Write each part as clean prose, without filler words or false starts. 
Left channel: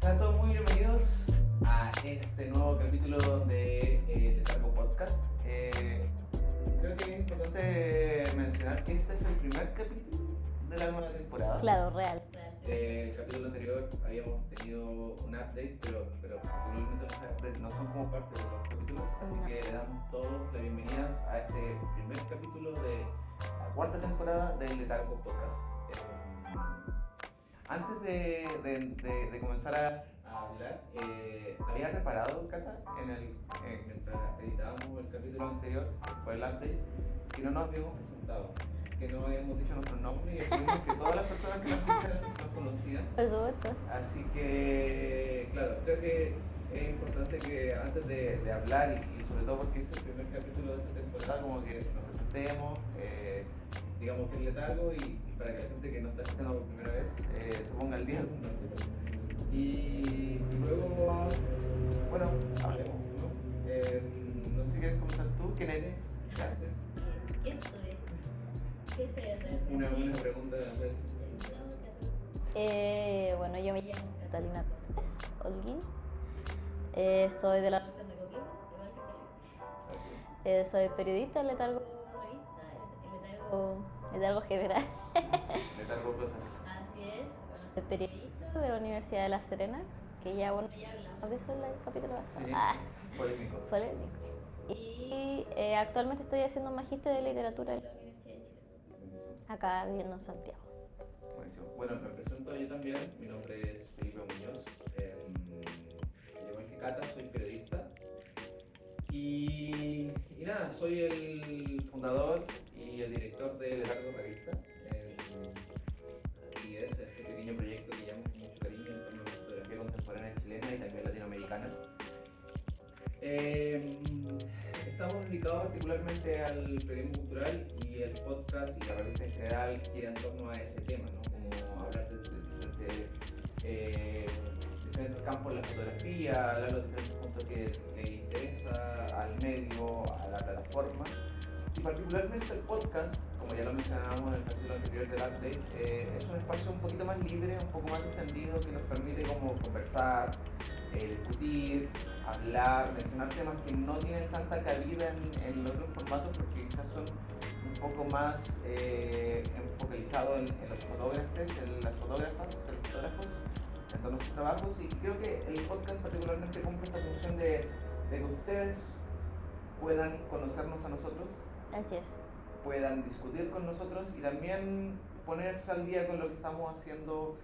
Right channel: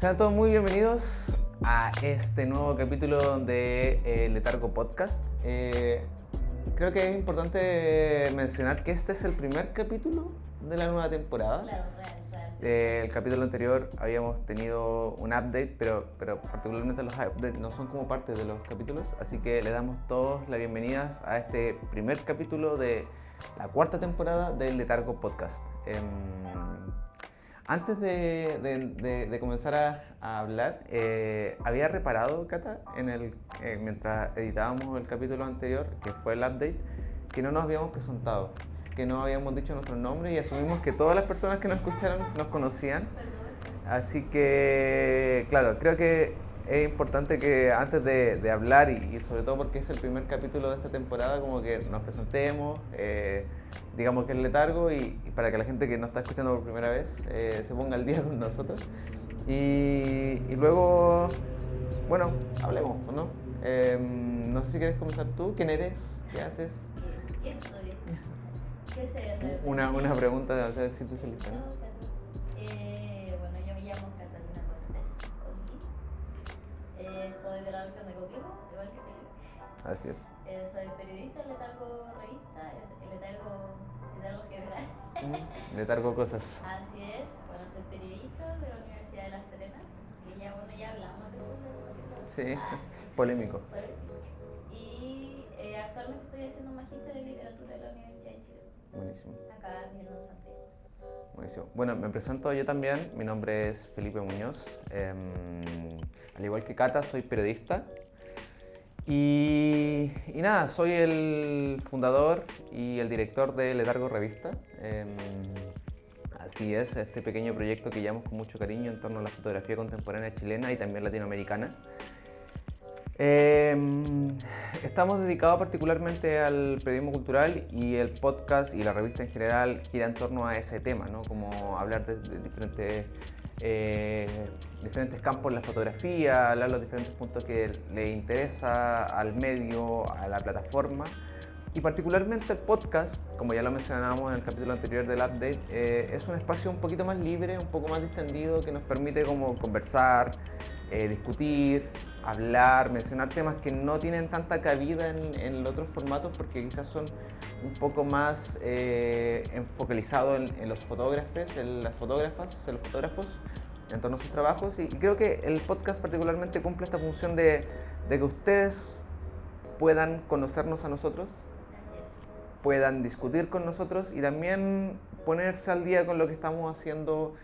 Sean todos muy bienvenidos a este nuevo capítulo de Letargo Podcast. Creo que es importante mencionar que este es el primer capítulo de la nueva temporada. Claro, real. El capítulo anterior habíamos tenido un update, pero particularmente los updates no son como parte de los capítulos, así que le damos todos las bienvenidas a este primer capítulo de la cuarta temporada del Letargo Podcast. Antes de comenzar a hablar, había reparado, Cata, mientras editábamos el capítulo anterior, que fue el update, que no nos habíamos presentado, que no habíamos dicho nuestro nombre y asumimos que todas las personas que nos escucharon nos conocían. Por supuesto. Así que, claro, creo que es importante que antes de hablar y sobre todo porque es el primer capítulo de esta temporada, como que nos presentemos, digamos que es Letargo y para que la gente que nos está escuchando por primera vez se ponga al día con nosotros. Y luego, bueno, hablemos, ¿no? No sé si quieres comenzar tú, ¿quién eres? ¿Qué haces? ¿Qué soy? ¿Qué sé? Una pregunta demasiado existencialista. Bueno, yo me llamo Catalina Cortés Holguín. Soy de la región de Coquimbo, igual que Felipe. Así es. Soy periodista en Letargo Revista, Letargo General. Letargo Cosas. Así es. Bueno, soy periodista de la Universidad de La Serena, que ya hablamos de eso en el capítulo pasado. Sí, polémico. Polémico. Y actualmente estoy haciendo un magíster de literatura en la Universidad de Chile. Buenísimo. Acá viviendo en Santiago. Buenísimo. Bueno, me presento yo también. Mi nombre es Felipe Muñoz. Al igual que Cata, soy periodista. Y nada, soy el fundador y el director de Letargo Revista. Así es, este pequeño proyecto que llevamos con mucho cariño en torno a la fotografía contemporánea chilena y también latinoamericana. Estamos dedicados particularmente al periodismo cultural y el podcast y la revista en general gira en torno a ese tema, ¿no? Como hablar de diferentes campos en la fotografía, hablar de los diferentes puntos que le interesa al medio, a la plataforma. Y particularmente el podcast, como ya lo mencionábamos en el capítulo anterior del update, es un espacio un poquito más libre, un poco más distendido, que nos permite como conversar, discutir, hablar, mencionar temas que no tienen tanta cabida en otros formatos porque quizás son un poco más focalizados en los fotógrafos, en las fotógrafas, en los fotógrafos, en torno a sus trabajos. Y creo que el podcast particularmente cumple esta función de que ustedes puedan conocernos a nosotros. Así es. Puedan discutir con nosotros y también ponerse al día con lo que estamos haciendo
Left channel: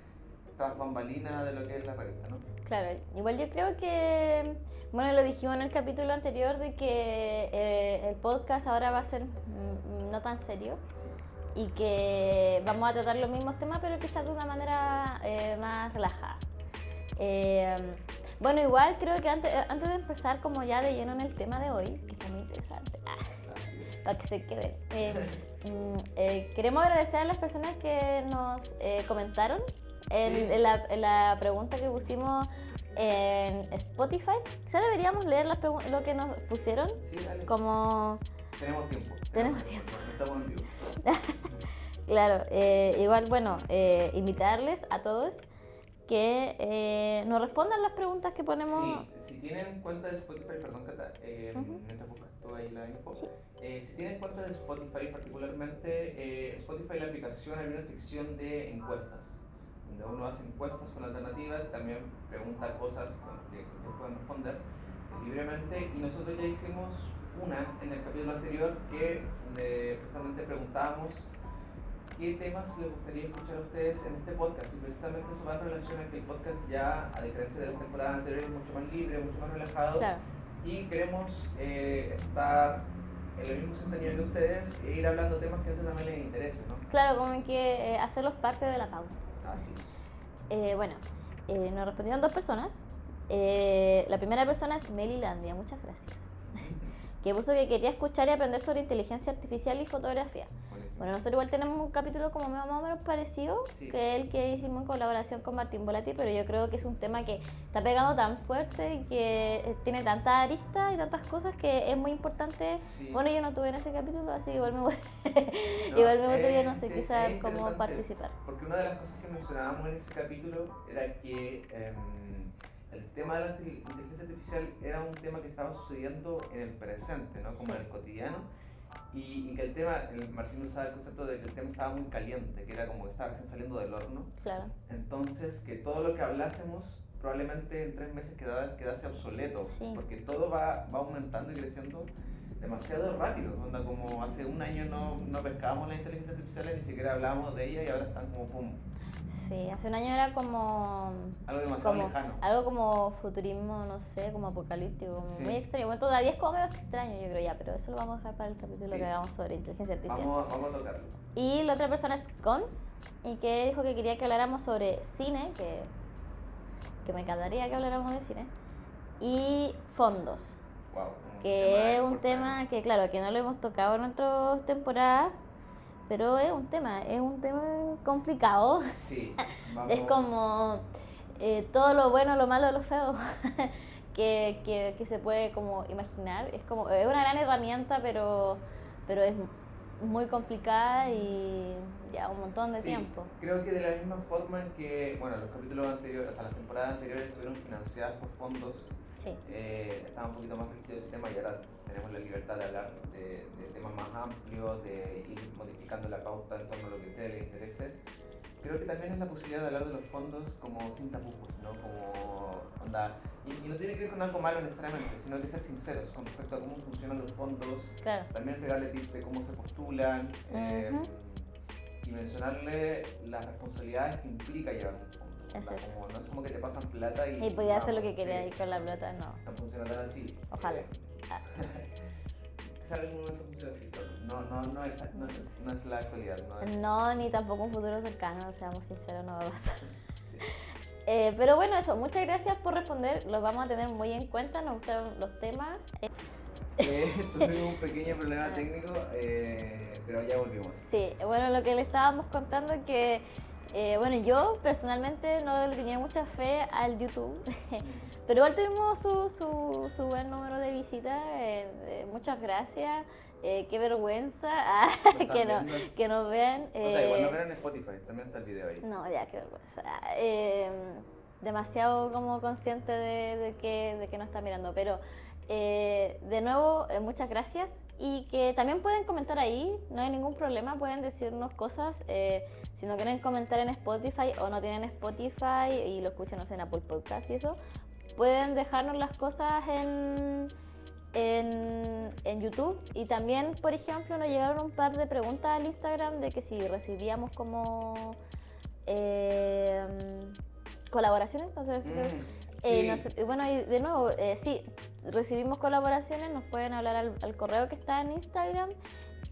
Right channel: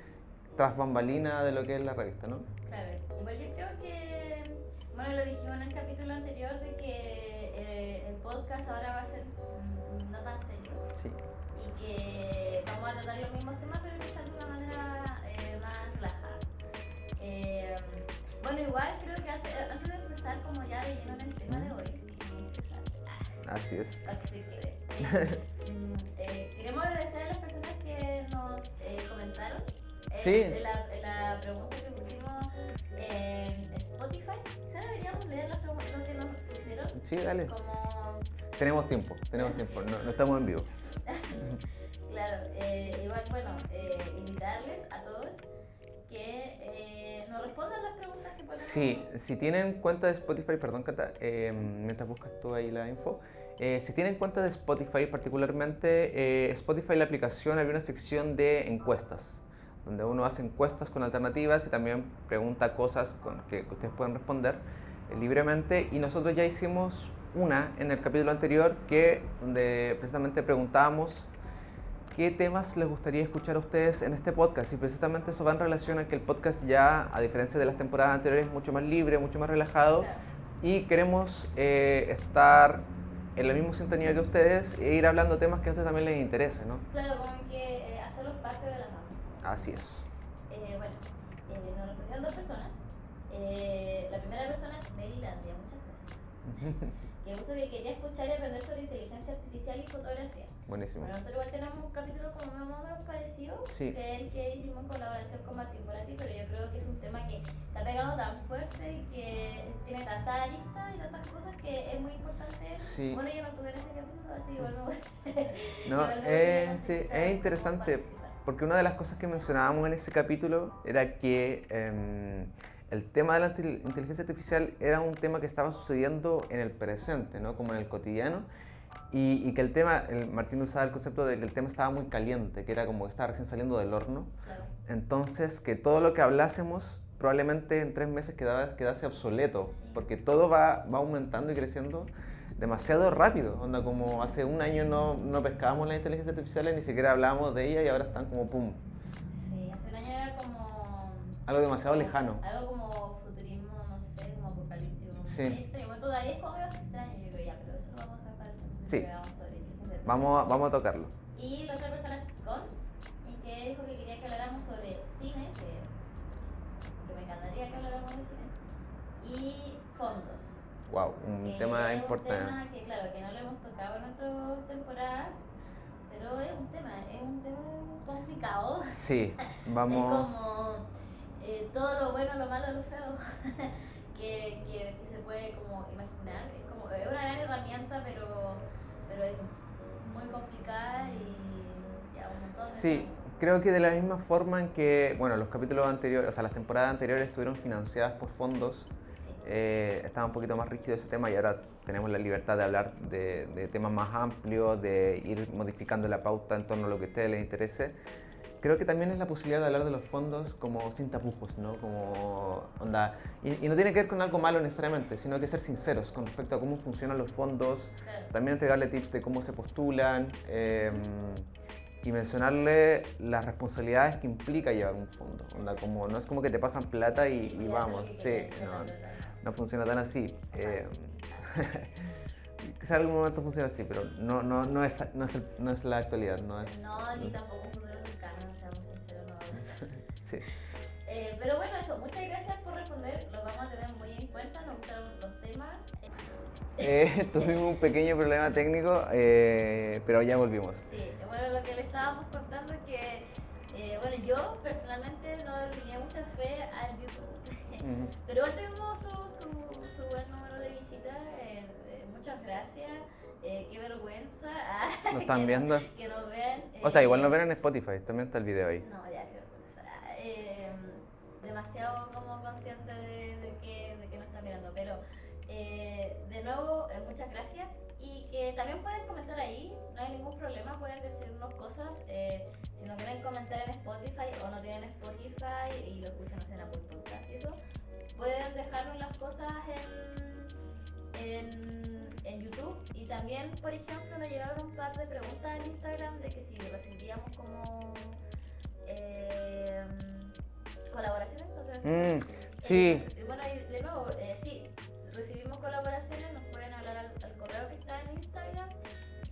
tras bambalina de lo que es la revista, ¿no? Claro, igual yo creo que, bueno, lo dijimos en el capítulo anterior de que el podcast ahora va a ser no tan serio. Sí. Y que vamos a tratar los mismos temas, pero quizás de una manera más relajada. Bueno, igual creo que antes de empezar como ya de lleno en el tema de hoy, que es muy interesante, Así es. para que se quede, queremos agradecer a las personas que nos comentaron en la pregunta que pusimos en Spotify. Quizás deberíamos leer lo que nos pusieron. Sí, dale. Como... Tenemos tiempo. No estamos en vivo. Claro, igual, bueno, invitarles a todos que nos respondan las preguntas que ponemos. Sí, si tienen cuenta de Spotify, perdón, Cata, mientras buscas tú ahí la info. Sí. Si tienen cuenta de Spotify, particularmente Spotify, la aplicación, hay una sección de encuestas, donde uno hace encuestas con alternativas y también pregunta cosas que ustedes pueden responder libremente. Y nosotros ya hicimos una en el capítulo anterior donde precisamente preguntábamos qué temas les gustaría escuchar a ustedes en este podcast, y precisamente eso va en relación a que el podcast ya, a diferencia de las temporadas anteriores, es mucho más libre, mucho más relajado. Claro. Y queremos estar en la misma sintonía que ustedes e ir hablando temas que a ustedes también les interesen, ¿no? Claro, como que hacerlos parte de la pauta. Así es. Bueno, nos respondieron 2 personas. La primera persona es Melilandia, muchas gracias. Que puso que quería escuchar y aprender sobre inteligencia artificial y fotografía. Buenísimo. Bueno, nosotros igual tenemos un capítulo como más o menos parecido, Sí. que el que hicimos en colaboración con Martín Volati, pero yo creo que es un tema que está pegando tan fuerte y que tiene tantas aristas y tantas cosas que es muy importante. Sí. Bueno, yo no tuve en ese capítulo, así que igual me voy No, igual me gustaría, no sé, sí, quizás es cómo interesante, participar. porque una de las cosas que mencionábamos en ese capítulo era que el tema de la inteligencia artificial era un tema que estaba sucediendo en el presente, ¿no? Como en el cotidiano, y que el tema, Martín usaba el concepto de que el tema estaba muy caliente, que era como que estaba recién saliendo del horno. Claro. Entonces, que todo lo que hablásemos probablemente en 3 meses quedase obsoleto, Sí. porque todo va aumentando y creciendo demasiado rápido. Onda, como hace un año no pescábamos las inteligencias artificiales, ni siquiera hablábamos de ellas y ahora están como pum. Sí, hace un año era como... Algo demasiado como- lejano. Algo como futurismo, no sé, como apocalíptico, como Sí. muy extraño. Bueno, todavía es como medio extraño, yo creo ya, pero eso lo vamos a dejar para el capítulo Sí. que hagamos sobre inteligencia artificial. Vamos a tocarlo. Y la otra persona es Cons, y que dijo que quería que habláramos sobre cine, que me encantaría que habláramos de cine, y fondos, Wow, un que tema es un importante. tema que, claro, que no lo hemos tocado en nuestras temporadas, pero es un tema complicado. Sí, vamos. Es como todo lo bueno, lo malo, lo feo que se puede como imaginar. Es una gran herramienta, pero es muy complicada y ya un montón de Sí, tiempo. creo que de la misma forma en que, bueno, los capítulos anteriores, o sea, las temporadas anteriores estuvieron financiadas por fondos, Sí. estaba un poquito más rígido ese tema y ahora tenemos la libertad de hablar de temas más amplios, de ir modificando la pauta en torno a lo que a ustedes les interese. Creo que también es la posibilidad de hablar de los fondos como sin tapujos, ¿no? Como onda, y no tiene que ver con algo malo necesariamente, sino que ser sinceros con respecto a cómo funcionan los fondos, Claro. también entregarle tips de cómo se postulan, y mencionarle las responsabilidades que implica llevar un fondo. Onda, Exacto. como, no es como que te pasan plata y Y podía hacer lo vamos, que quería sí, con la no, plata, no. no funciona tan así. Ojalá. Quizá en algún momento funciona así, pero no es la actualidad. No es, No, ni tampoco un futuro cercano, seamos sinceros, no va a pasar. sí. Pero bueno, eso, muchas gracias por responder, los vamos a tener muy en cuenta, nos gustaron los temas. Tuvimos un pequeño problema técnico, pero ya volvimos. Sí, bueno, lo que le estábamos contando es que, bueno, yo personalmente no le tenía mucha fe al YouTube, pero igual tuvimos su buen número de visitas, muchas gracias, qué vergüenza ¿Nos están viendo? que nos vean. O sea, igual nos ven en Spotify, también está el video ahí. No, ya, qué vergüenza. Demasiado como consciente de que nos están mirando, pero de nuevo, muchas gracias y que también pueden comentar ahí, no hay ningún problema, pueden decirnos cosas, si no quieren comentar en Spotify o no tienen Spotify y lo escuchan, no sé, en Apple Podcast y eso, pueden dejarnos las cosas en YouTube. Y también, por ejemplo, nos llegaron un par de preguntas al Instagram de que si recibíamos como colaboraciones, entonces sí. bueno, y de nuevo, sí, recibimos colaboraciones, nos pueden hablar al correo que está en Instagram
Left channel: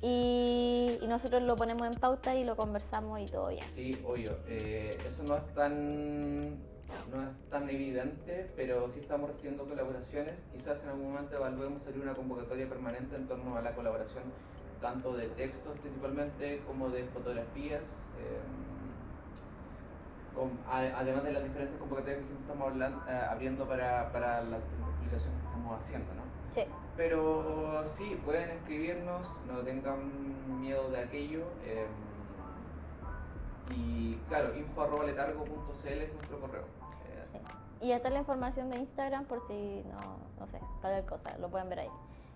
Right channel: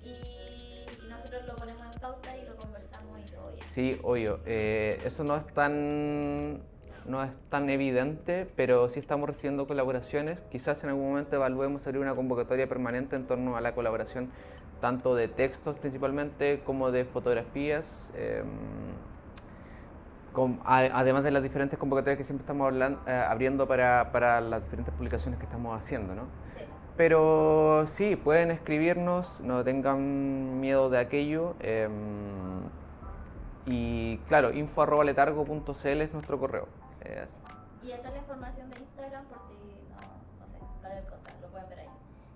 y nosotros lo ponemos en pauta y lo conversamos y todo ya. Sí, obvio. Eso no es tan evidente, pero sí estamos recibiendo colaboraciones. Quizás en algún momento evaluemos abrir una convocatoria permanente en torno a la colaboración, tanto de textos principalmente como de fotografías. Además de las diferentes convocatorias que siempre estamos abriendo para las diferentes publicaciones que estamos haciendo, ¿no? Sí. Pero sí, pueden escribirnos, no tengan miedo de aquello. Y claro, info@letargo.cl es nuestro correo. Y esta es la información de Instagram por si no sé, cualquier cosa, lo pueden ver ahí.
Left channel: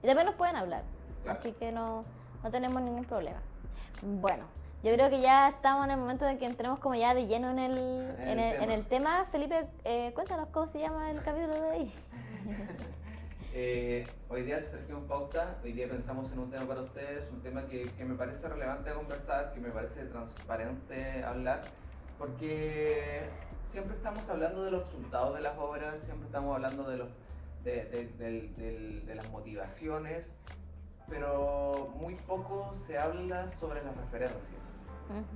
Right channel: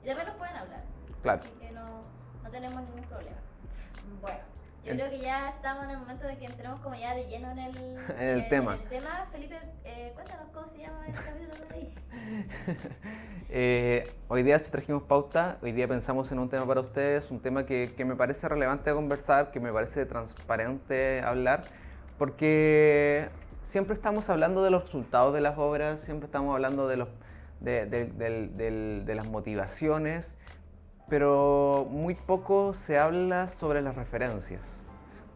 Y también nos pueden hablar, Claro. así que no tenemos ningún problema. Bueno, yo creo que ya estamos en el momento de que entremos como ya de lleno en el tema. Felipe, cuéntanos cómo se llama el capítulo de hoy. Hoy día trajimos pauta, hoy día pensamos en un tema para ustedes, un tema que me parece relevante conversar, que me parece transparente hablar, porque siempre estamos hablando de los resultados de las obras, siempre estamos hablando de las motivaciones, pero muy poco se habla sobre las referencias.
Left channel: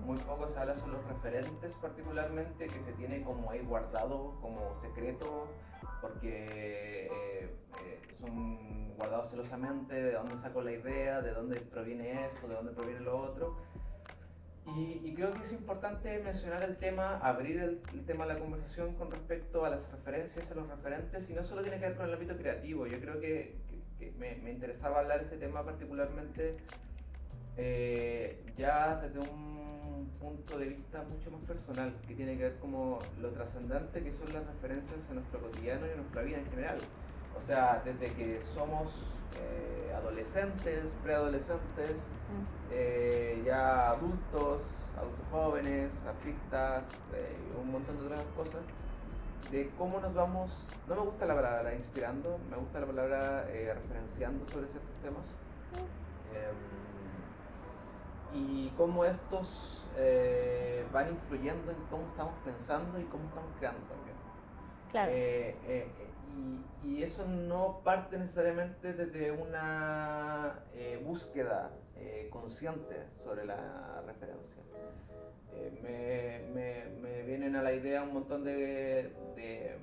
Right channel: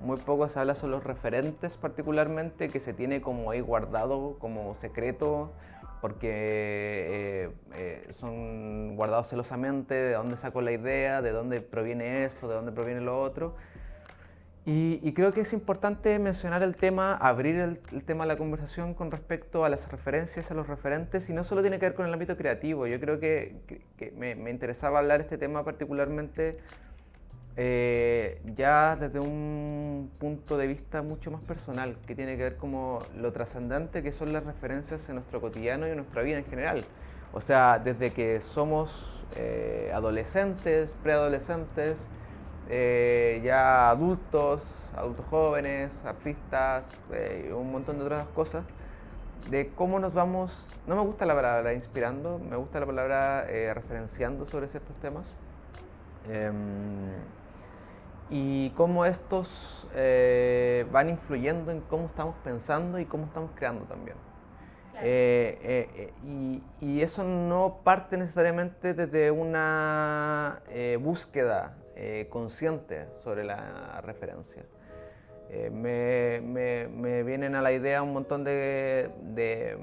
Muy poco se habla sobre los referentes particularmente, que se tiene como ahí guardado como secreto, porque son guardados celosamente, de dónde sacó la idea, de dónde proviene esto, de dónde proviene lo otro. Y creo que es importante mencionar el tema, abrir el tema de la conversación con respecto a las referencias, a los referentes, y no solo tiene que ver con el ámbito creativo. Yo creo que me interesaba hablar este tema particularmente ya desde un punto de vista mucho más personal, que tiene que ver como lo trascendente que son las referencias en nuestro cotidiano y en nuestra vida en general. O sea, desde que somos adolescentes, preadolescentes, ya adultos jóvenes, artistas, un montón de otras cosas, de cómo nos vamos, no me gusta la palabra inspirando, me gusta la palabra referenciando sobre ciertos temas. Y cómo estos van influyendo en cómo estamos pensando y cómo estamos creando también. Claro. Y eso no parte necesariamente desde una búsqueda consciente sobre la referencia. Me vienen a la idea un montón de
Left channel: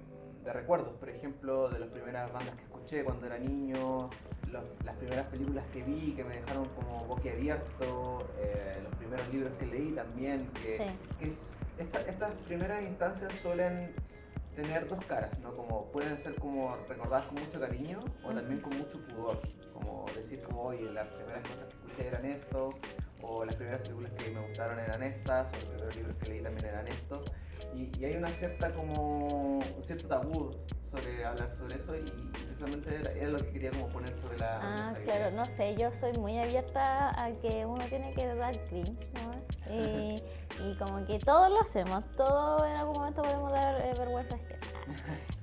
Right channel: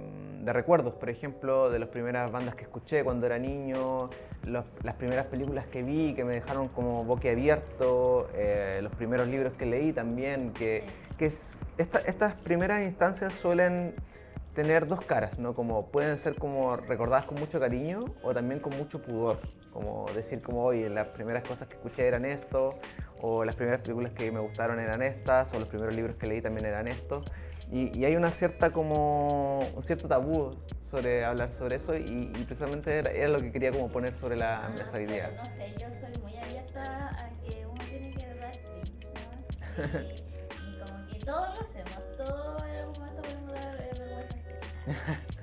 recuerdos, por ejemplo, de las primeras bandas que escuché cuando era niño, las primeras películas que vi que me dejaron como boquiabierto, los primeros libros que leí también, estas primeras instancias suelen tener dos caras, ¿no? Como pueden ser como recordadas con mucho cariño o también con mucho pudor, como decir como, oye, las primeras cosas que escuché eran esto, o las primeras películas que me gustaron eran estas, o los primeros libros que leí también eran estos. Y hay una cierta como un cierto tabú sobre hablar sobre eso, y precisamente era lo que quería como poner sobre la mesa idea. Claro, no sé, yo soy muy abierta a que uno tiene que dar cringe, ¿no? Y como que todos lo hacemos, todos en algún momento podemos dar vergüenza ajena.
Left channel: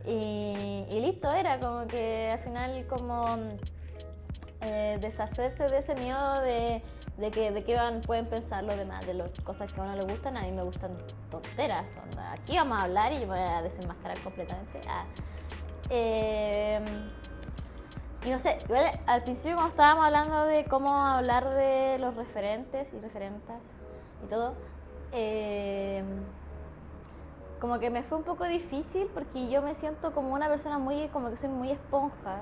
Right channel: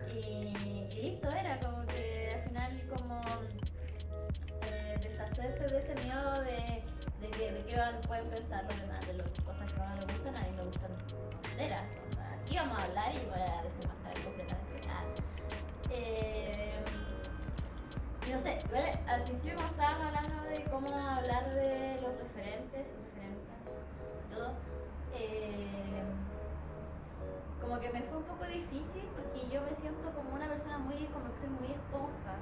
Y listo, era como que al final como deshacerse de ese miedo de qué pueden pensar los demás, de las cosas que a uno le gustan. A mí me gustan tonteras, aquí vamos a hablar y yo me voy a desenmascarar completamente. Y no sé, igual, al principio cuando estábamos hablando de cómo hablar de los referentes y referentas y todo, como que me fue un poco difícil porque yo me siento como una persona como que soy muy esponja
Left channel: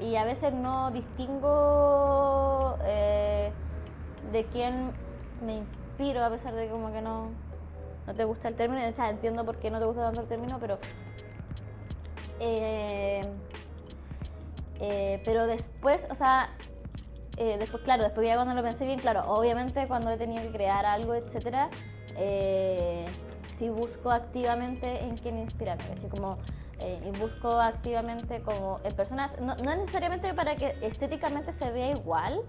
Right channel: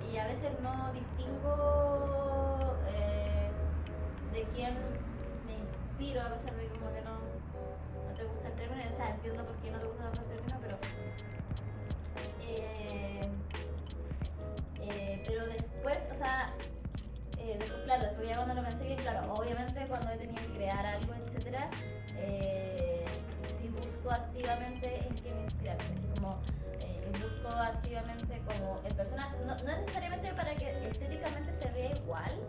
y a veces no distingo de quién me inspiro, a pesar de como que no te gusta el término. O sea, entiendo por qué no te gusta tanto el término, pero después, o sea, después, claro, después ya cuando lo pensé bien, claro, obviamente cuando he tenido que crear algo, etcétera, sí busco activamente en quién inspirarme, ¿sí? Como busco activamente como en personas, no necesariamente para que estéticamente se vea igual,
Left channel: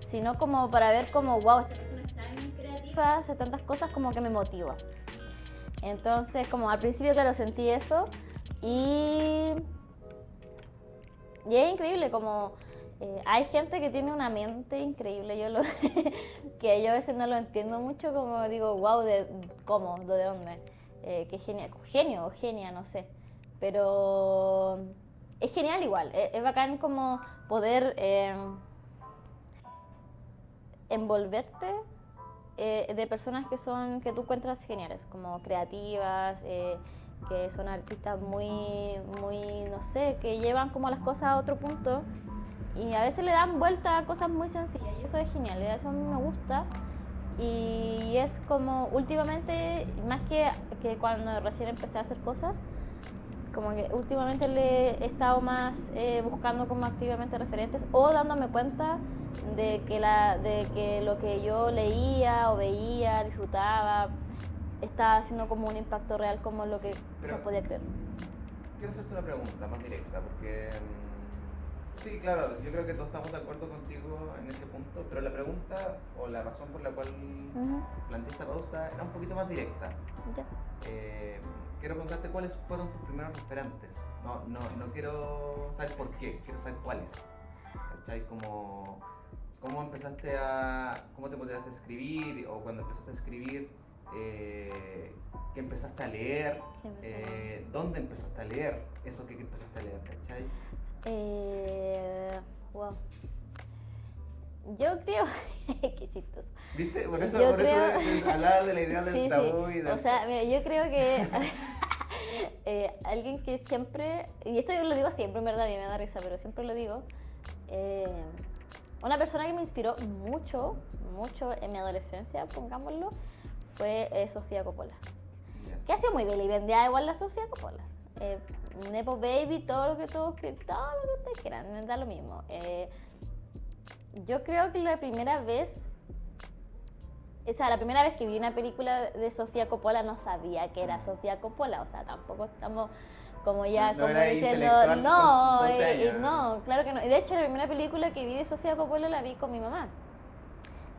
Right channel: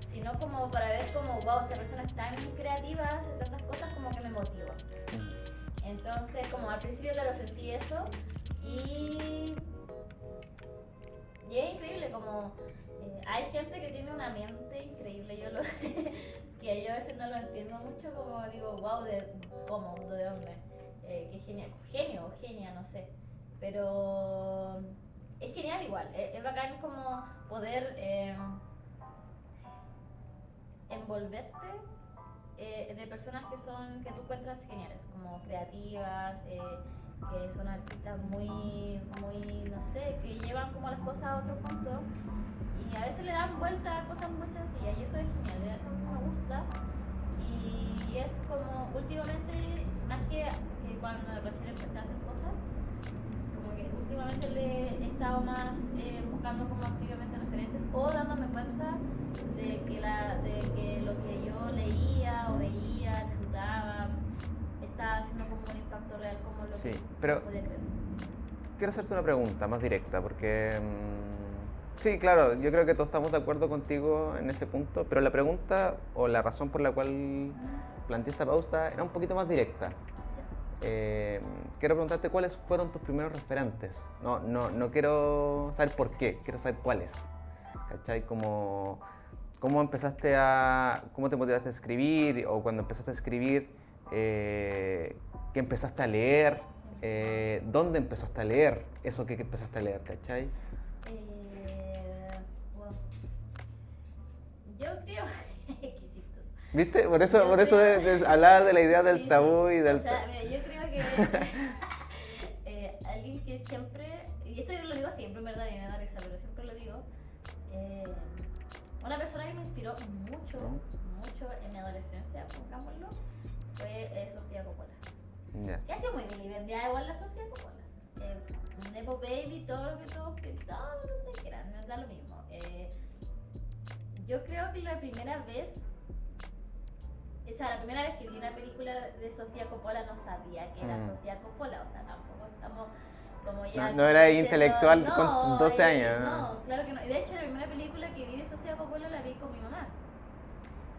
sino como para ver como, wow, esta persona es tan creativa, hace tantas cosas, como que me motiva. Entonces, como al principio, claro, sentí eso y es increíble, como hay gente que tiene una mente increíble, que yo a veces no lo entiendo mucho, como digo, wow, ¿cómo? ¿De dónde? Qué genio o genia, no sé, pero es genial igual, es bacán como poder envolverte de personas que tú encuentras geniales, como creativas, que son artistas muy, no sé, que llevan como las cosas a otro punto y a veces le dan vuelta a cosas muy sencillas y eso es genial, eso a mí me gusta. Y es como últimamente, más que cuando recién empecé a hacer cosas, como que últimamente le he estado más buscando como activamente referentes o dándome cuenta de que lo que yo leía o veía, disfrutaba, estaba haciendo como un impacto real como lo que se podía creer. Quiero hacerte una pregunta más directa, porque sí, claro, yo creo que todos estamos de acuerdo contigo en ese punto, pero la pregunta o la razón por la cual planteé esta pauta era un poquito más directa. Quiero preguntarte cuáles fueron tus primeros referentes. No quiero saber por qué, quiero saber cuáles. ¿Cachai? ¿Cómo te motivaste a escribir? O cuando empezaste a escribir, ¿qué empezaste a leer? ¿Dónde empezaste a leer eso que empezaste a leer? ¿Cachai? Wow. Yo creo... Qué chistoso. ¿Viste? Por eso creo... hablaba de la idea del Sí, tabú sí. y del... O sea, mira, yo creo que alguien que siempre, y esto yo lo digo siempre, en verdad, y me da risa, pero siempre lo digo, una persona que me inspiró mucho en mi adolescencia, pongámoslo, fue Sofía Coppola. Yeah. Que ha sido muy vilipendiada igual la Sofía Coppola. Nepo Baby, todo lo que ustedes quieran, me da lo mismo. Yo creo que la primera vez que vi una película de Sofía Coppola no sabía que era Sofía Coppola, o sea, tampoco estamos como ya... No era intelectual con 12 años. No, claro que no. De hecho, la primera película que vi de Sofía Coppola la vi con mi mamá,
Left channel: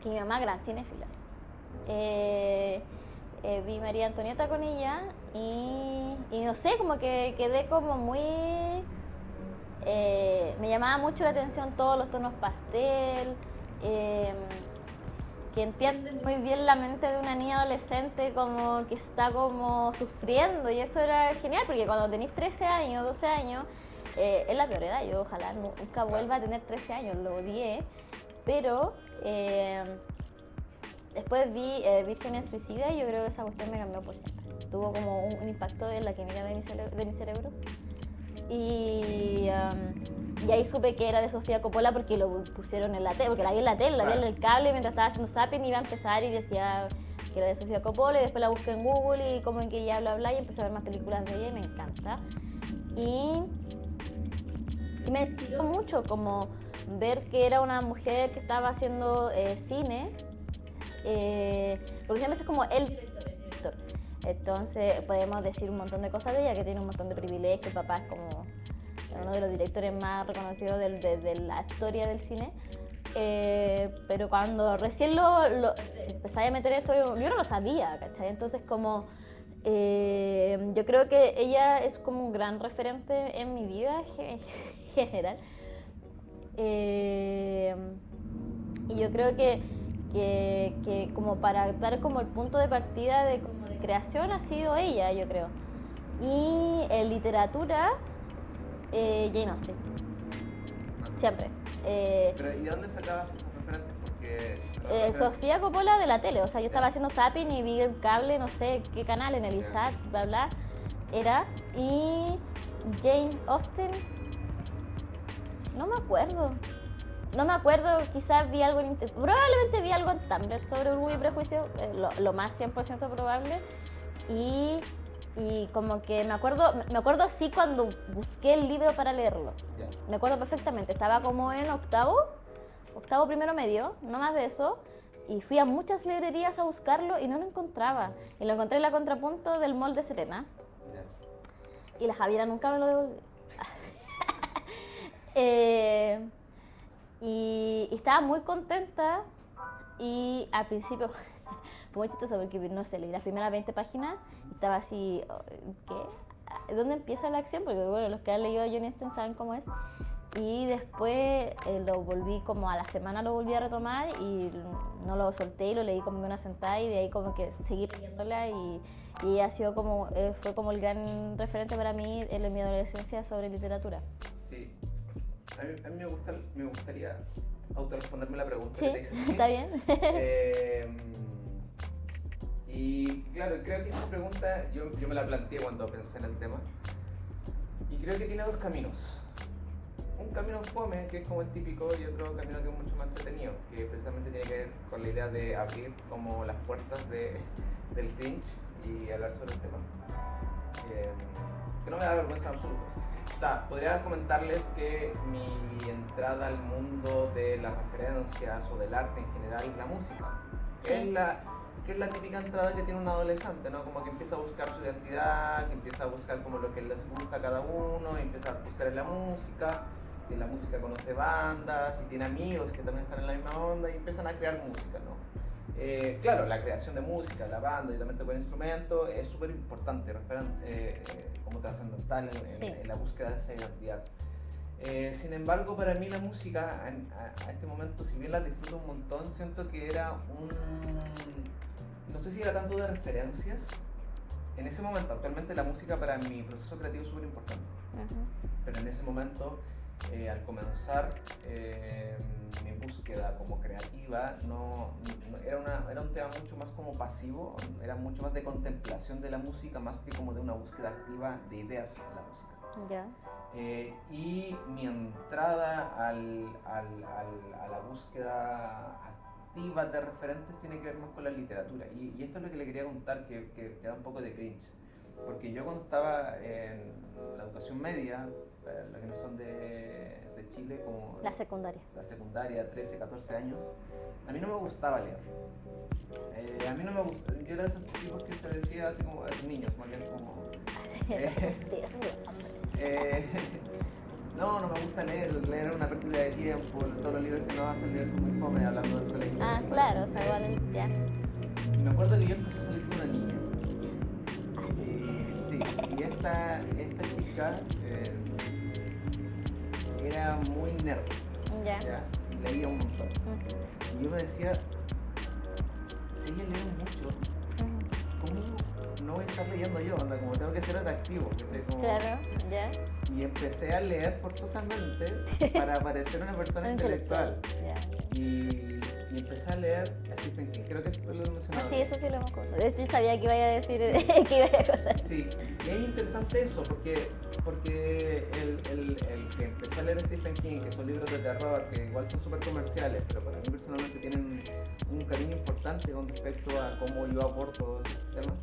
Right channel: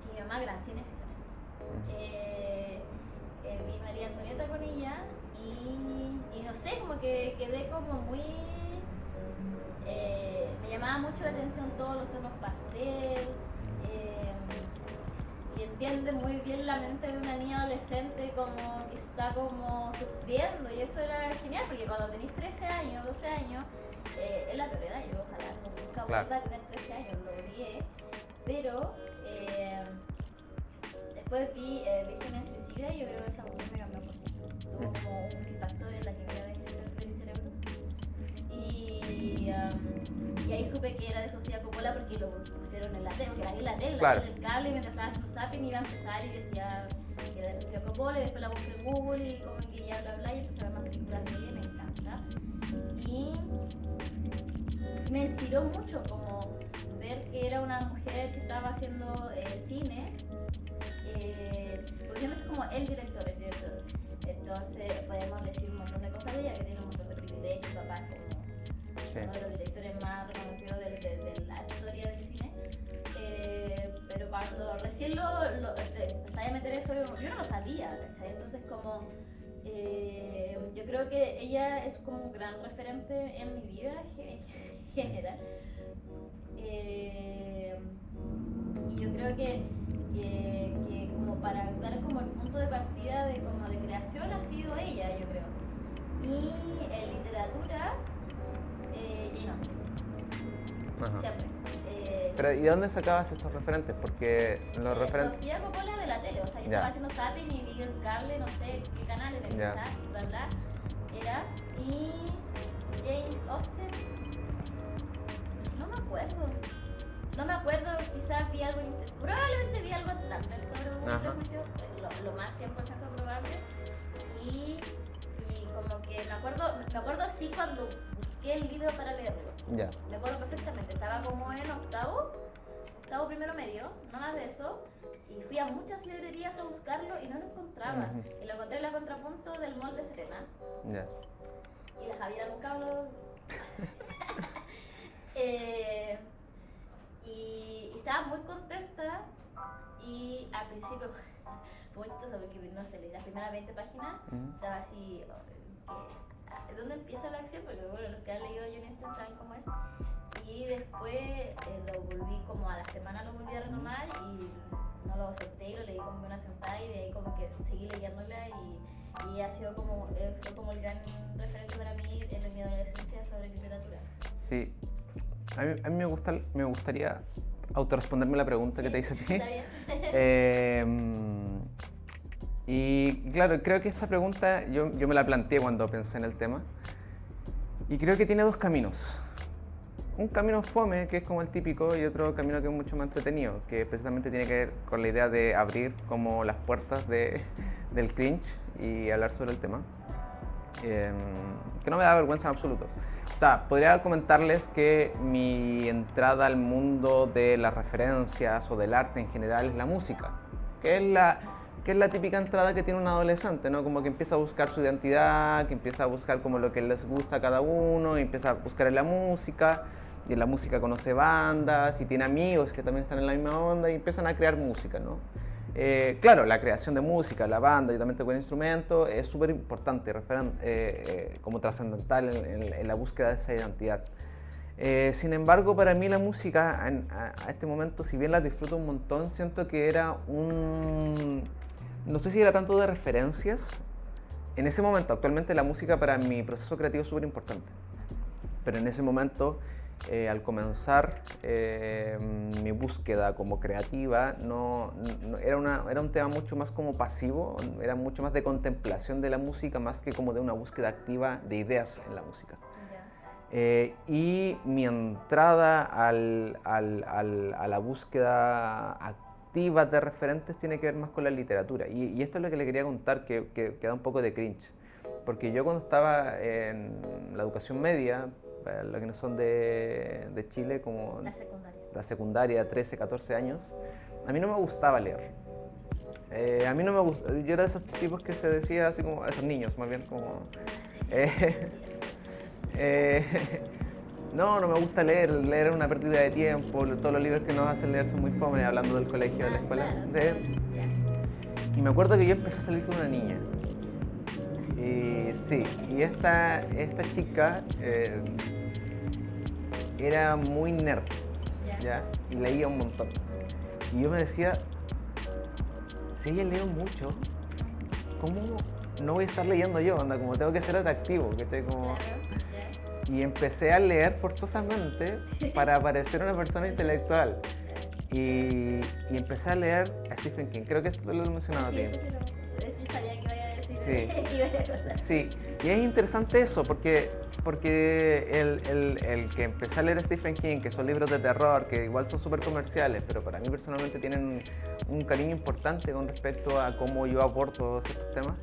que mi mamá gran cinéfila. Vi María Antonieta con ella y no sé, como que quedé como muy... me llamaba mucho la atención todos los tonos pastel, que entienden muy bien la mente de una niña adolescente como que está como sufriendo, y eso era genial porque cuando tenés 13 años, 12 años, es la peor edad. Yo ojalá nunca vuelva a tener 13 años, lo odié, pero después vi Vírgenes Suicidas y yo creo que esa cuestión me cambió por siempre. Tuvo como un impacto en la química de mi cerebro. Y ahí supe que era de Sofía Coppola porque lo pusieron en la tele, porque la vi en la tele, la vi en el cable mientras estaba haciendo zapping, iba a empezar y decía que era de Sofía Coppola, y después la busqué en Google y como en que ella bla y empecé a ver más películas de ella y me encanta. Y me inspiró mucho como ver que era una mujer que estaba haciendo cine, porque siempre es como el director. Entonces podemos decir un montón de cosas de ella, que tiene un montón de privilegios, papá es como uno de los directores más reconocidos de la historia del cine, pero cuando recién lo empecé a meter esto, yo no lo sabía, ¿cachai? Entonces como yo creo que ella es como un gran referente en mi vida en general, y yo creo que como para dar como el punto de partida de creación ha sido ella, yo creo. Y en literatura, Jane Austen. Ajá. Siempre. Pero ¿y de dónde sacabas estos referentes? Porque Sofía Coppola de la tele, o sea, yo estaba haciendo zapping y vi el cable, no sé qué canal, en el ISAT, bla bla, era. Y Jane Austen, no me acuerdo, quizás vi algo probablemente vi algo en Tumblr sobre Orgullo y Prejuicio, lo más 100% probable, y como que me acuerdo así cuando busqué el libro para leerlo. Yeah. Me acuerdo perfectamente, estaba como en octavo primero medio, no más de eso, y fui a muchas librerías a buscarlo y no lo encontraba. Y lo encontré en la Contrapunto del Mall de Serena. Yeah. Y la Javiera nunca me lo devolvió. Y estaba muy contenta, y al principio fue muy chistoso porque, no sé, leí las primeras 20 páginas, estaba así, ¿qué? ¿Dónde empieza la acción? Porque bueno, los que han leído a Jane Austen saben cómo es. Y después lo volví, como a la semana lo volví a retomar y no lo solté y lo leí como de una sentada, y de ahí como que seguí leyéndola, y ha sido como, fue como el gran referente para mí en mi adolescencia sobre literatura. Sí. A mí me gustaría autorresponderme la pregunta que te hice a ti. ¿Está bien? Y claro, creo que esa pregunta yo me la planteé cuando pensé en el tema. Y creo que tiene dos caminos. Un camino fome, que es como el típico, y otro camino que es mucho más entretenido, que precisamente tiene que ver con la idea de abrir como las puertas del cringe y hablar sobre el tema. Que no me da vergüenza en absoluto. O sea, podría comentarles que mi entrada al mundo de las referencias o del arte en general es la música, que es la típica entrada que tiene un adolescente, ¿no? Como que empieza a buscar su identidad, que empieza a buscar como lo que les gusta a cada uno, y empieza a buscar en la música, y en la música conoce bandas, y tiene amigos que también están en la misma onda, y empiezan a crear música, ¿no? Claro, la creación de música, la banda y también tocar instrumentos es súper importante, como trascendental en la búsqueda de esa identidad. Sin embargo, para mí la música a este momento, si bien la disfruto un montón, siento que era no sé si era tanto de referencias. En ese momento, actualmente la música para mi proceso creativo es súper importante. Pero en ese momento al comenzar mi búsqueda como creativa, era un tema mucho más como pasivo, era mucho más de contemplación de la música, más que como de una búsqueda activa de ideas en la música. Ya. Y mi entrada a la búsqueda activa de referentes tiene que ver más con la literatura. Y esto es lo que le quería contar, que da un poco de cringe. Porque yo cuando estaba en la educación media, para los que no son de Chile, como la secundaria, 13, 14 años, a mí no me gustaba leer. A mí no me gustaba, yo era de esos tipos que se decía así como, esos niños más bien como... no me gusta leer es una pérdida de tiempo, todos los libros que nos hacen leer son muy fome, hablando del colegio. Ah, claro, ya. Y me acuerdo que yo empecé a salir con una niña. Sí, y esta chica era muy nerd, ¿ya? Y leía un montón. Y yo me decía, si ella lee mucho, ¿cómo no voy a estar leyendo yo? Anda, como tengo que ser atractivo, que estoy como... Claro, ya. Y empecé a leer forzosamente para parecer una persona intelectual. Y empecé a leer a Stephen King, creo que esto lo he mencionado. Sí, eso sí lo hemos contado. De hecho, yo sabía que iba a decir, que iba a contar. Sí, y es interesante eso, porque el que empecé a leer a Stephen King, que son libros de terror, que igual son súper comerciales, pero para mí personalmente tienen un cariño importante con respecto a cómo yo abordo estos temas,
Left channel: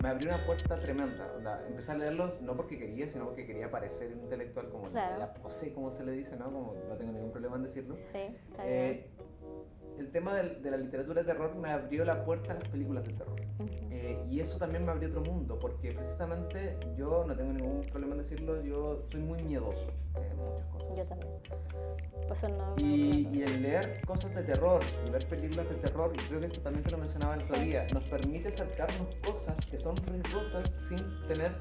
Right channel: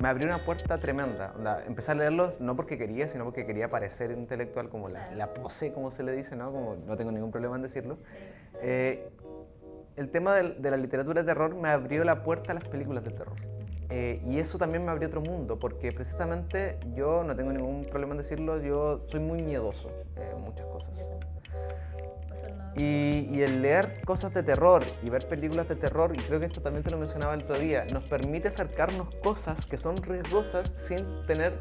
me abrió una puerta tremenda. Empecé a leerlos no porque quería, sino porque quería parecer intelectual, como claro. la pose, como se le dice, ¿no? Como no tengo ningún problema en decirlo. Sí, claro. El tema de la literatura de terror me abrió la puerta a las películas de terror. Y eso también me abrió otro mundo, porque precisamente yo, no tengo ningún problema en decirlo, yo soy muy miedoso en muchas cosas. Yo también. Y el leer cosas de terror y ver películas de terror, y creo que esto también te lo mencionaba el otro día, nos permite acercarnos cosas que son riesgosas sin tener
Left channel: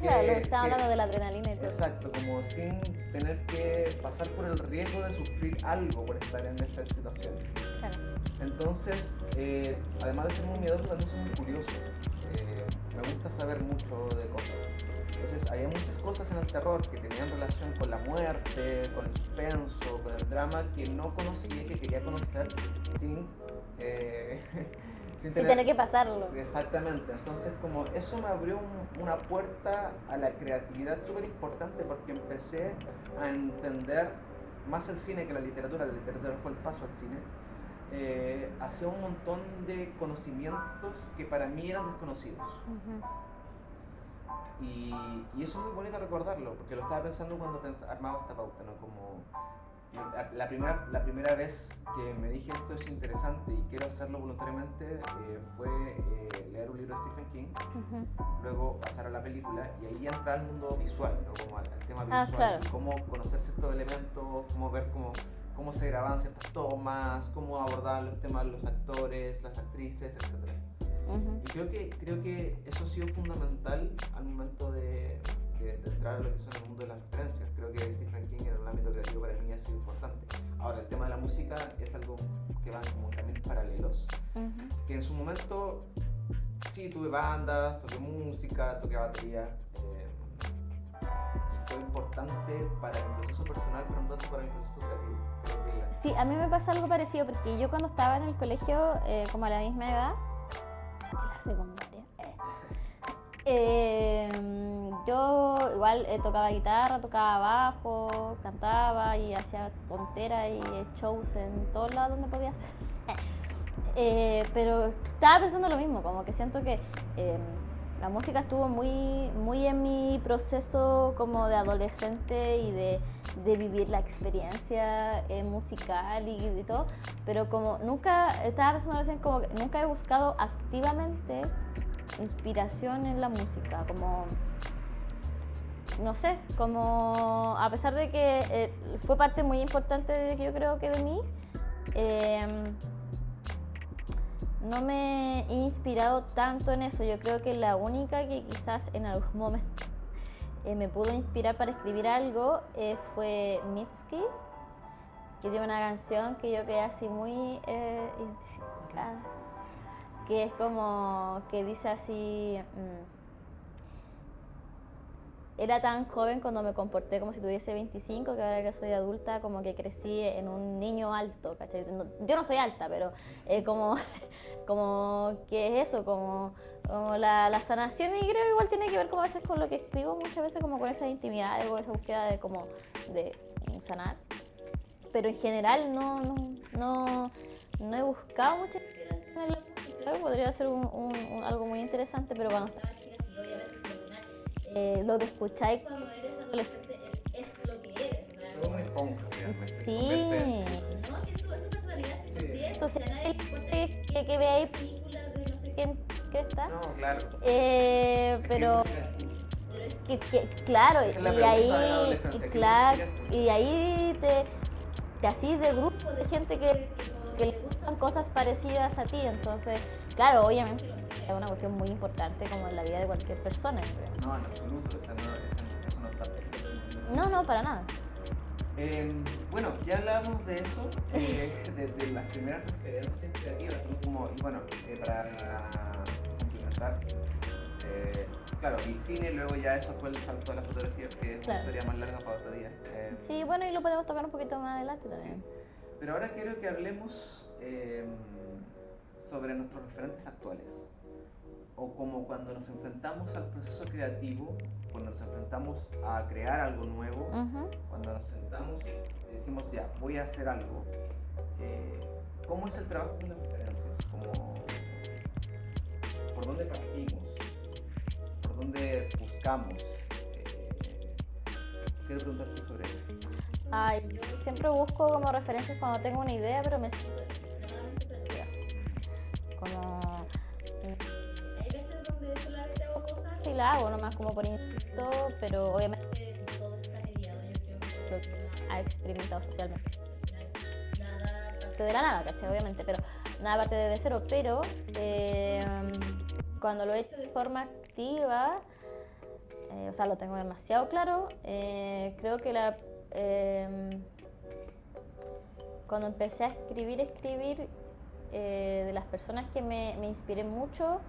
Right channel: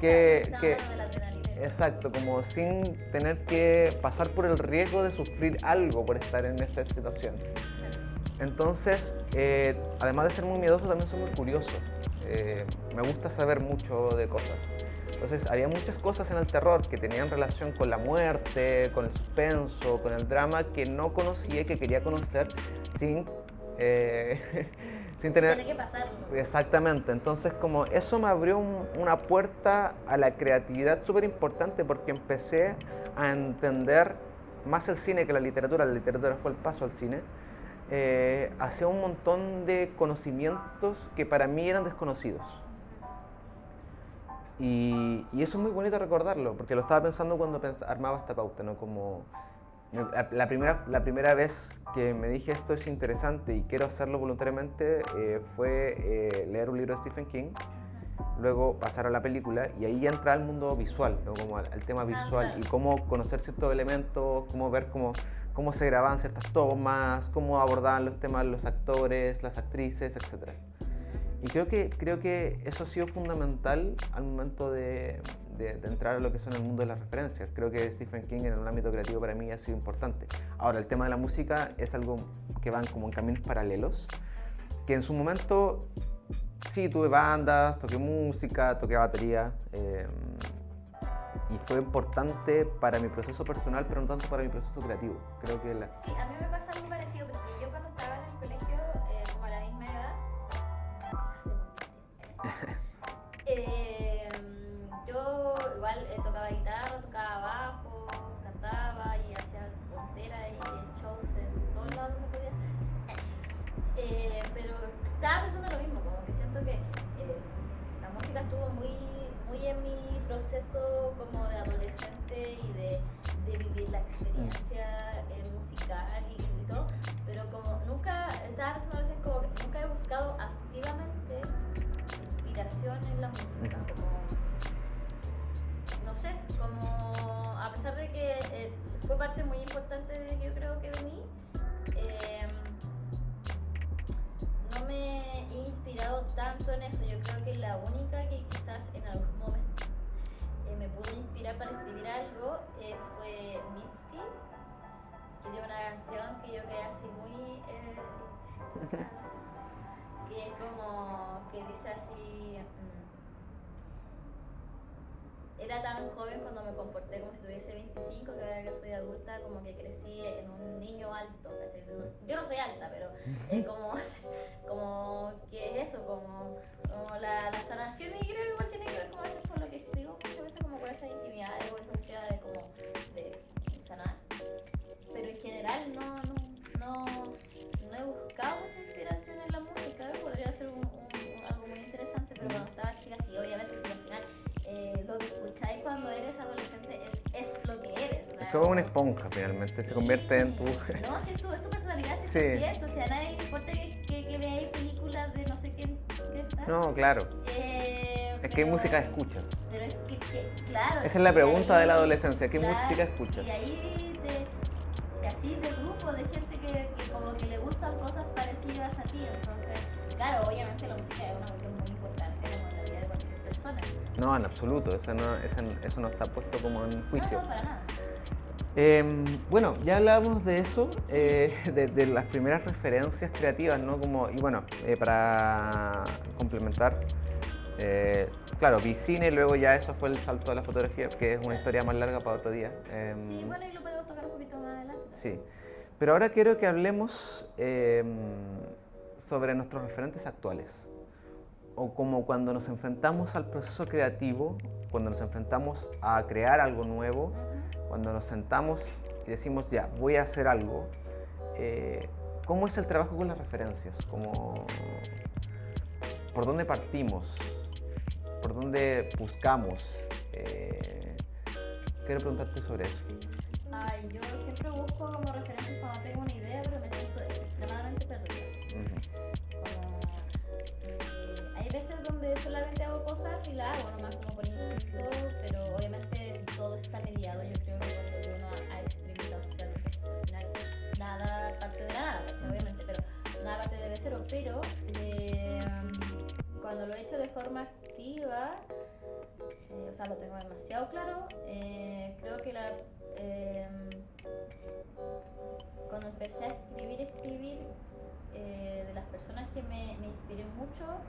que... Claro, hablando de la adrenalina y todo. Exacto, como sin tener que pasar por el riesgo de sufrir algo por estar en esa situación. Claro. Entonces, además de ser muy miedoso, también soy muy curioso. Me gusta saber mucho de cosas. Entonces había muchas cosas en el terror que tenían relación con la muerte, con el suspenso, con el drama que no conocía y que quería conocer sin tener que pasarlo. Exactamente, entonces como eso me abrió una puerta a la creatividad súper importante, porque empecé a entender más el cine que la literatura fue el paso al cine, hacia un montón de conocimientos que para mí eran desconocidos. Y eso es muy bonito recordarlo, porque lo estaba pensando cuando armaba esta pauta, ¿no? Como la primera vez que me dije esto es interesante y quiero hacerlo voluntariamente fue leer un libro de Stephen King, luego pasar a la película y ahí ya entrar al mundo visual, ¿no? Como al tema visual, claro. Y cómo conocer ciertos elementos, cómo ver cómo se grababan ciertas tomas, cómo abordaban los temas los actores, las actrices, etc. Y creo que eso ha sido fundamental al momento de entrar a lo que son el mundo de las referencias. Creo que Stephen King en el ámbito creativo para mí ha sido importante. Ahora, el tema de la música es algo que van como en caminos paralelos, que en su momento sí tuve bandas, toqué música, toqué batería, y fue importante para mi proceso personal, pero no tanto para mi proceso creativo. Creo que Sí, a mí me pasa algo parecido, porque yo cuando estaba en el colegio, como a la misma edad, la secundaria, yo igual tocaba guitarra, tocaba bajo, cantaba y hacía tonteras y shows en todos lados donde podía hacer. Pero estaba pensando lo mismo, como que siento que la música estuvo muy en mi proceso como de adolescente y de vivir la experiencia musical y todo, pero como nunca, estaba pensando recién, como que nunca he buscado activamente inspiración en la música, como no sé, como a pesar de que fue parte muy importante de, yo creo que de mí, no me he inspirado tanto en eso. Yo creo que la única que quizás en algún momento me pudo inspirar para escribir algo fue Mitski, que tiene una canción que yo quedé así muy identificada, que es como que dice así: era tan joven cuando me comporté como si tuviese 25, que ahora que soy adulta como que crecí en un niño alto, ¿cachai? Yo no soy alta, pero como que es eso, como la sanación, y creo que igual tiene que ver como a veces con lo que escribo muchas veces, como con esa intimidad, con esa búsqueda de sanar. Pero en general no he buscado mucha inspiración en la música. Creo que podría ser algo muy interesante, pero cuando estaba chica, sí, obviamente, sí, al final lo que escucháis cuando eres adolescente es lo que eres. Es como una esponja, realmente, se convierte en tu... No, si es tu personalidad, Sí. es cierto, o sea, a nadie le importa que veáis películas de no sé quién está. No, claro. Es que música escuchas. Pero es que claro. Esa es la pregunta de la adolescencia, ¿qué música escuchas? Y ahí te así de grupos de gente que como que le gustan cosas parecidas a ti, entonces, claro, obviamente la música es una cuestión muy importante como en la vida de cualquier persona. No, en absoluto, eso no está puesto como en juicio. No, para nada. Bueno, ya hablábamos de eso, de las primeras referencias creativas, ¿no? Y bueno, para complementar, claro, vi cine, luego ya eso fue el salto de la fotografía, que es una historia más larga para otro día. Sí, bueno, y lo podemos tocar un poquito más adelante también. Sí, pero ahora quiero que hablemos sobre nuestros referentes actuales, o como cuando nos enfrentamos al proceso creativo, cuando nos enfrentamos a crear algo nuevo, cuando nos sentamos y decimos, ya, voy a hacer algo. ¿Cómo es el trabajo con las referencias? ¿Por dónde partimos? ¿Por dónde buscamos? Quiero preguntarte sobre eso. Yo siempre busco como referencias cuando tengo una idea, pero me siento extremadamente perdida. Hay veces donde solamente hago cosas y la hago nomás como por instinto, pero obviamente todo está mediado. Yo creo que por lo que uno ha experimentado socialmente. Al final, nada parte de la nada, ¿cachai? Obviamente, pero nada parte de cero. Pero cuando lo he hecho de forma activa, o sea, lo tengo demasiado claro, creo que cuando empecé a escribir de las personas que me inspiré mucho,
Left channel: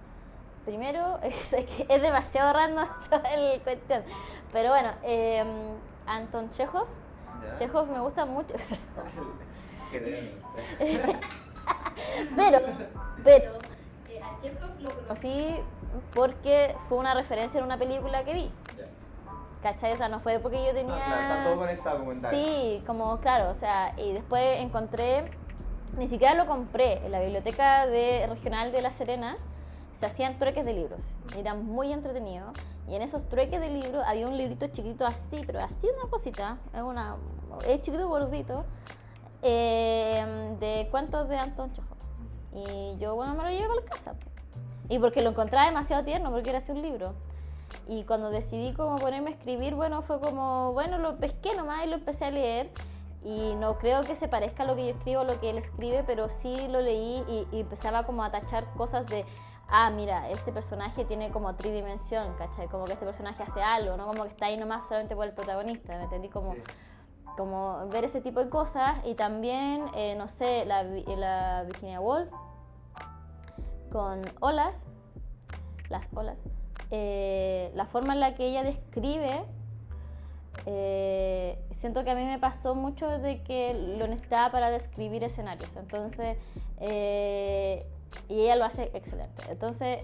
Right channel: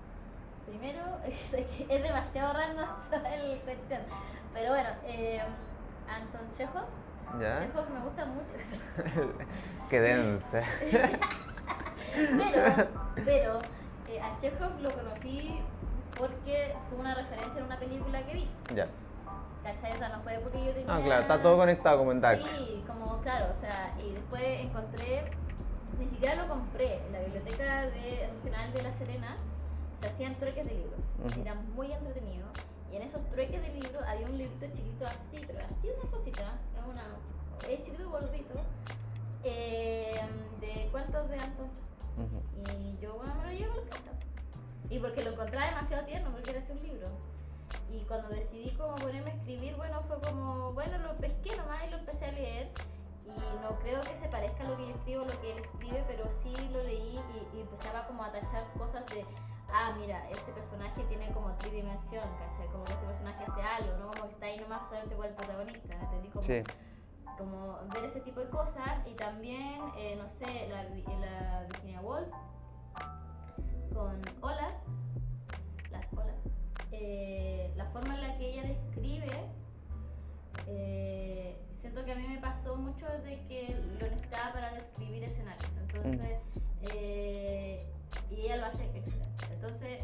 primero, es demasiado random el cuestión, pero bueno, Anton Chekhov. ¿Ya? Chekhov me gusta mucho. Qué densa. pero a Chekhov lo conocí porque fue una referencia en una película que vi. Ya. ¿Cachai? O sea, no fue porque yo tenía... No, claro, está todo conectado como en tal. Sí, como claro, o sea, y después encontré, ni siquiera lo compré, en la biblioteca regional de La Serena se hacían trueques de libros, y eran muy entretenidos, y en esos trueques de libros había un librito chiquito así, pero así una cosita, es chiquito gordito, de cuentos de Anton Chekhov. Y yo, bueno, me lo llevé para la casa, y porque lo encontraba demasiado tierno, porque era así un libro. Y cuando decidí como ponerme a escribir, bueno, fue como, bueno, lo pesqué nomás y lo empecé a leer. Y no creo que se parezca a lo que yo escribo, a lo que él escribe, pero sí lo leí y empezaba como a tachar cosas de, mira, este personaje tiene como tridimensión, ¿cachai? Como que este personaje hace algo, no como que está ahí nomás solamente por el protagonista, ¿me entendí? Como ver ese tipo de cosas. Y también, no sé, la Virginia Woolf con las olas. La forma en la que ella describe, siento que a mí me pasó mucho de que lo necesitaba para describir escenarios, entonces, y ella lo hace excelente. Entonces,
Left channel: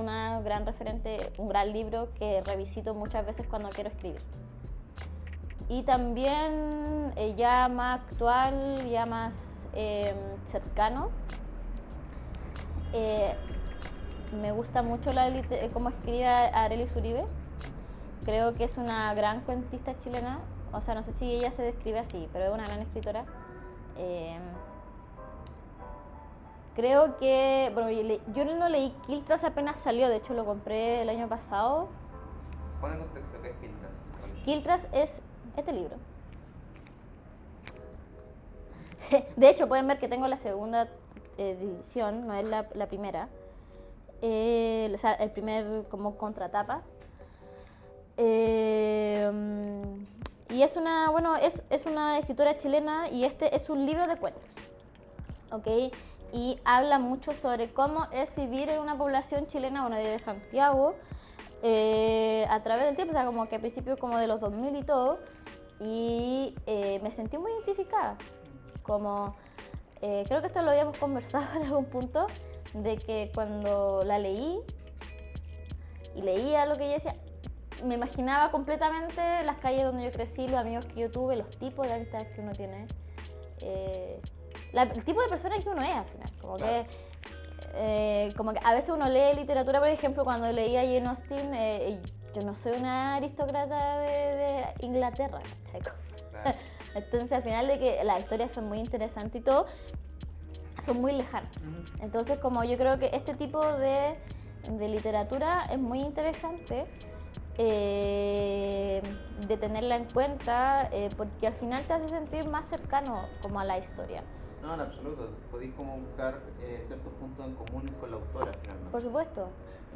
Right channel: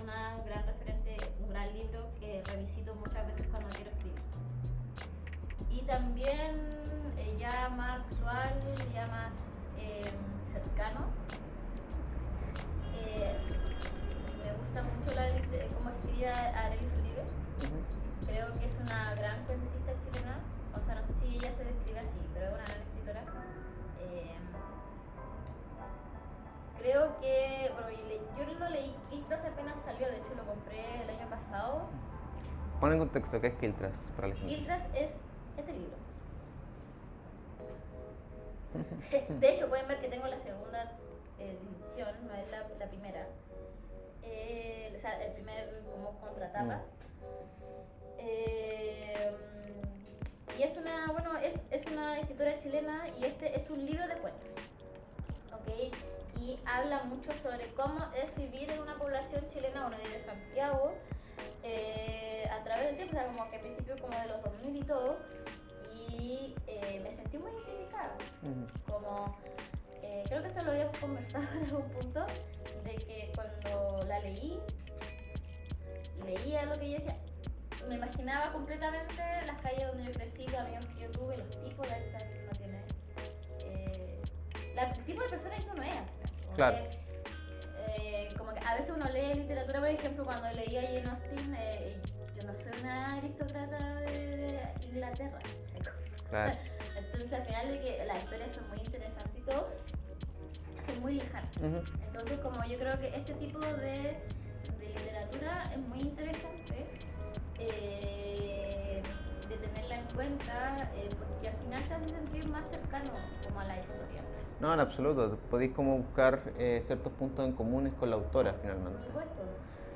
una gran referente, un gran libro que revisito muchas veces cuando quiero escribir. Y también, ya más actual, ya más cercano, me gusta mucho cómo escribe Arelis Uribe. Creo que es una gran cuentista chilena. O sea, no sé si ella se describe así, pero es una gran escritora. Creo que... Bueno, yo no leí Quiltras, apenas salió. De hecho, lo compré el año pasado. Pon en contexto, ¿qué es Quiltras? Quiltras es este libro. De hecho, pueden ver que tengo la segunda edición, no es la primera. O sea, el primer como contratapa. Y es una, bueno, es una escritora chilena y este es un libro de cuentos, ¿ok? Y habla mucho sobre cómo es vivir en una población chilena, bueno, de Santiago, a través del tiempo, o sea, como que a principios como de los 2000 y todo, y me sentí muy identificada, como, creo que esto lo habíamos conversado en algún punto, de que cuando la leí, y leía lo que ella decía, me imaginaba completamente las calles donde yo crecí, los amigos que yo tuve, los tipos de amistades que uno tiene, el tipo de persona que uno es al final, como Claro. como que a veces uno lee literatura, por ejemplo, cuando leía Jane Austen, yo no soy una aristócrata de Inglaterra, ¿cachai? Claro. Entonces al final de que las historias son muy interesantes y todo, son muy lejanas. Entonces como yo creo que este tipo de literatura es muy interesante de tenerla en cuenta, porque al final te hace sentir más cercano como a la historia. No, en absoluto. Podéis como buscar ciertos puntos en comunes con la autora, finalmente. Por supuesto.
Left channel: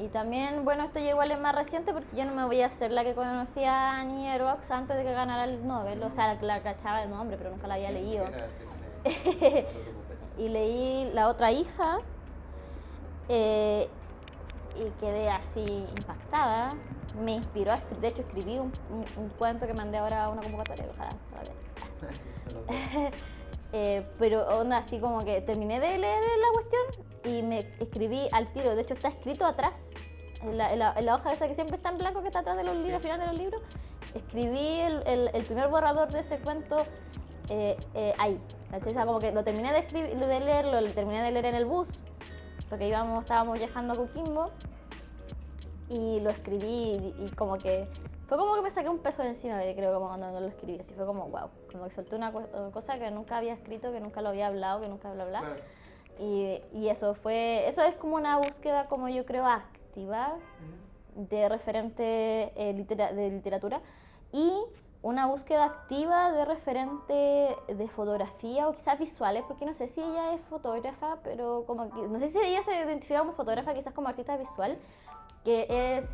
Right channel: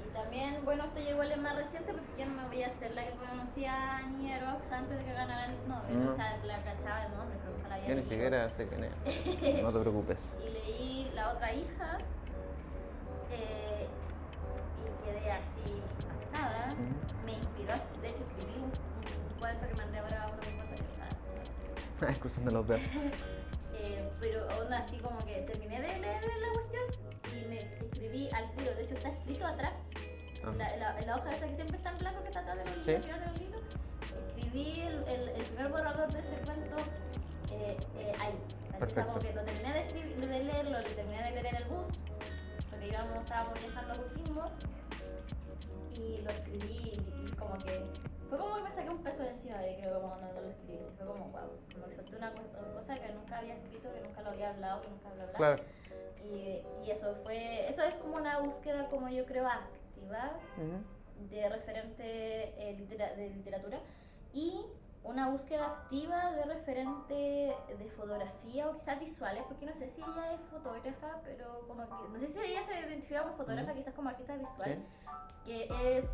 Y también, bueno, esto ya igual es más reciente porque yo no me voy a hacer la que conocía a Annie Rox antes de que ganara el Nobel. No. O sea, la cachaba de nombre, pero nunca la había Yo ni leído. siquiera sé quién es. No te preocupes. Y leí La otra hija y quedé así impactada. Me inspiró, de hecho escribí un cuento que mandé ahora a una convocatoria. Excusando los dedos. Pero aún así como que terminé de leer la cuestión y me escribí al tiro, de hecho está escrito atrás, en la hoja esa que siempre está en blanco que está atrás de los libros, al final de los libros, escribí el primer borrador de ese cuento ahí. O sea, como que lo terminé de leerlo, lo terminé de leer en el bus, porque estábamos viajando a Coquimbo y lo escribí y como que fue como que me saqué un peso de encima, creo, como cuando lo escribí, así fue como wow, como que solté una cosa que nunca había escrito, que nunca lo había hablado, que nunca bla bla. Claro. Y eso es como una búsqueda, como yo creo, activa de referente de literatura y una búsqueda activa de referente de fotografía o quizás visuales, porque no sé si ella es fotógrafa, pero como que, no sé si ella se identifica como fotógrafa, quizás como artista visual, que es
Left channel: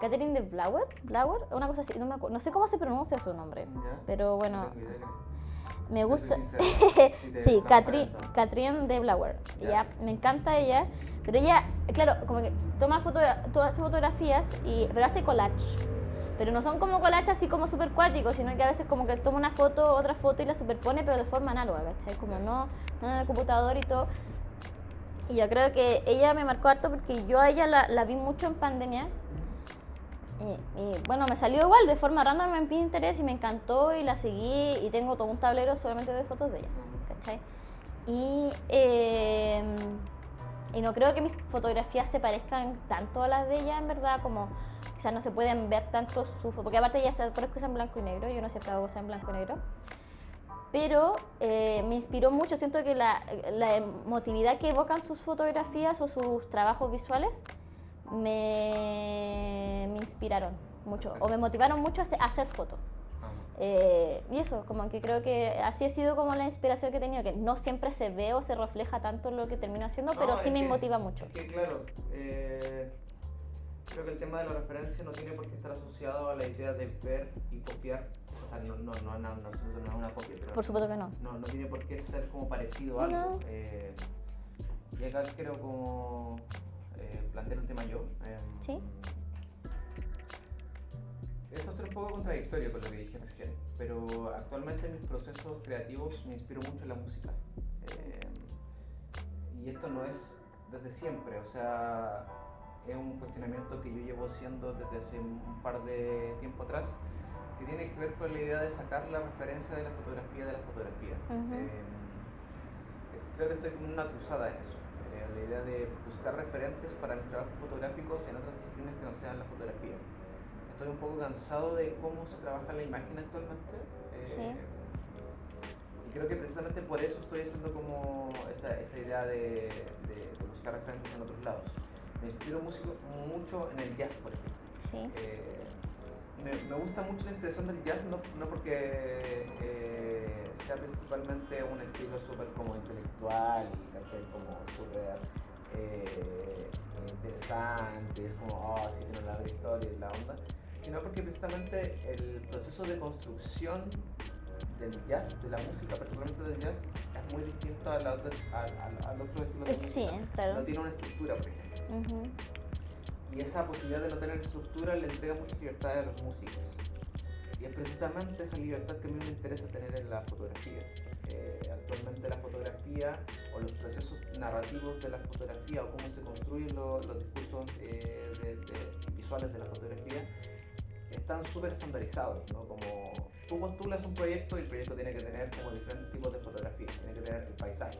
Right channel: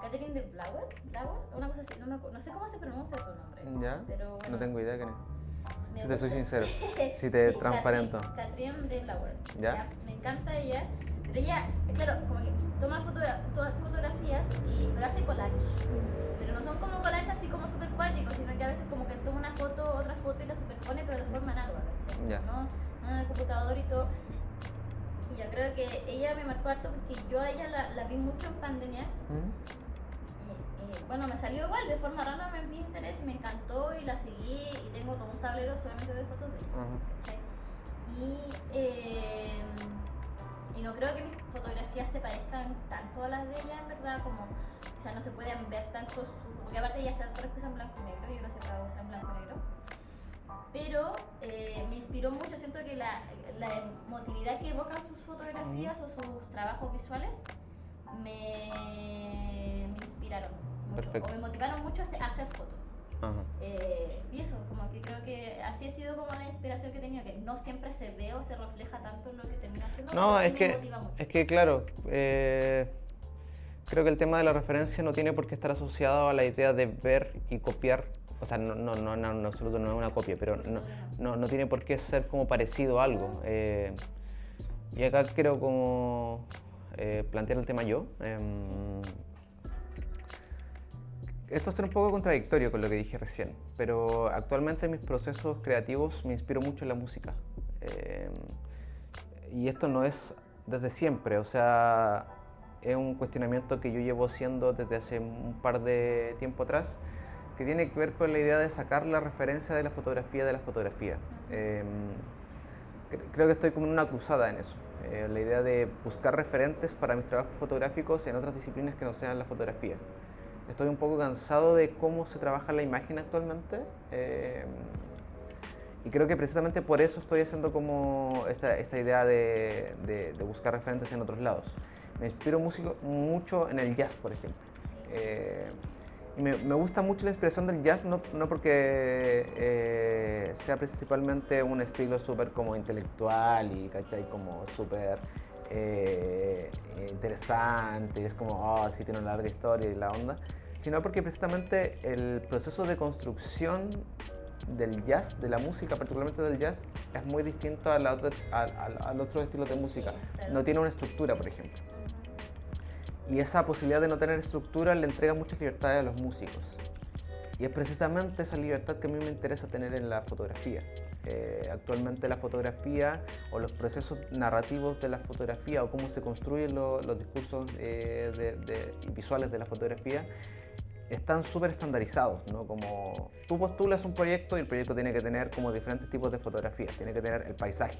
Catherine de Blauer, una cosa así, no sé cómo se pronuncia su nombre, ¿Ya? pero bueno, No tengo idea quién es. me Te soy gusta. sincero. Si te Sí, transparento. Catherine de Blauer. Ya. Ya, me encanta ella, pero ella, claro, como que hace fotografías, pero hace collage. Pero no son como collages así como súper cuáticos, sino que a veces como que toma una foto, otra foto y la superpone, pero de forma análoga, ¿cachai? Como Ya. no en el computador y todo. Y yo creo que ella me marcó harto porque yo a ella la vi mucho en pandemia. Y bueno, me salió igual de forma random en Pinterest y me encantó y la seguí y tengo todo un tablero solamente de fotos de ella, ¿cachai? Y no creo que mis fotografías se parezcan tanto a las de ella, en verdad, como quizás no se pueden ver tanto su foto, porque aparte ella se acuerda que usa en blanco y negro, yo no sé para usar en blanco y negro. Pero me inspiró mucho, siento que la emotividad que evocan sus fotografías o sus trabajos visuales me inspiraron mucho. Perfecto. O me motivaron mucho a hacer fotos. Y eso, como que creo que así ha sido como la inspiración que he tenido, que no siempre se ve o se refleja tanto en lo que termino haciendo, pero sí me motiva mucho. Es que claro, creo que el tema de la referencia no tiene por qué estar asociado a la idea de ver y copiar. O sea, no, en absoluto no es una copia, pero Por supuesto que no. No tiene por qué ser como parecido a algo. No. Y acá quiero como plantear el tema yo. Sí. Esto va a ser un poco contradictorio con lo que dije recién, pero actualmente en mis procesos creativos me inspiro mucho en la música. Y esto no es desde siempre, o sea, es un cuestionamiento que yo llevo haciendo desde hace un par de tiempo atrás, que tiene que ver con la idea de sacar la referencia de la fotografía de la fotografía. Creo que estoy como en una cruzada en eso. La idea de buscar referentes para mis trabajos fotográficos en otras disciplinas que no sean la fotografía. Estoy un poco cansado de cómo se trabaja la imagen actualmente. Y creo que precisamente por eso estoy haciendo como esta idea de buscar referentes en otros lados. Me inspiro mucho en el jazz, por ejemplo. Sí. Y me gusta mucho la inspiración del jazz, no porque sea principalmente un estilo súper como intelectual y ¿cachai? Como súper interesante, es como, oh, sí tiene una larga historia y la onda, sino porque precisamente el proceso de construcción del jazz, de la música, particularmente del jazz, es muy distinto al otro estilo de música. Sí, claro. No tiene una estructura, por ejemplo. y esa posibilidad de no tener estructura le entrega mucha libertad a los músicos. Y es precisamente esa libertad que a mí me interesa tener en la fotografía. Actualmente la fotografía o los procesos narrativos de la fotografía o cómo se construyen los discursos visuales de la fotografía están súper estandarizados, ¿no? Como tú postulas un proyecto y el proyecto tiene que tener como diferentes tipos de fotografías. Tiene que tener el paisaje,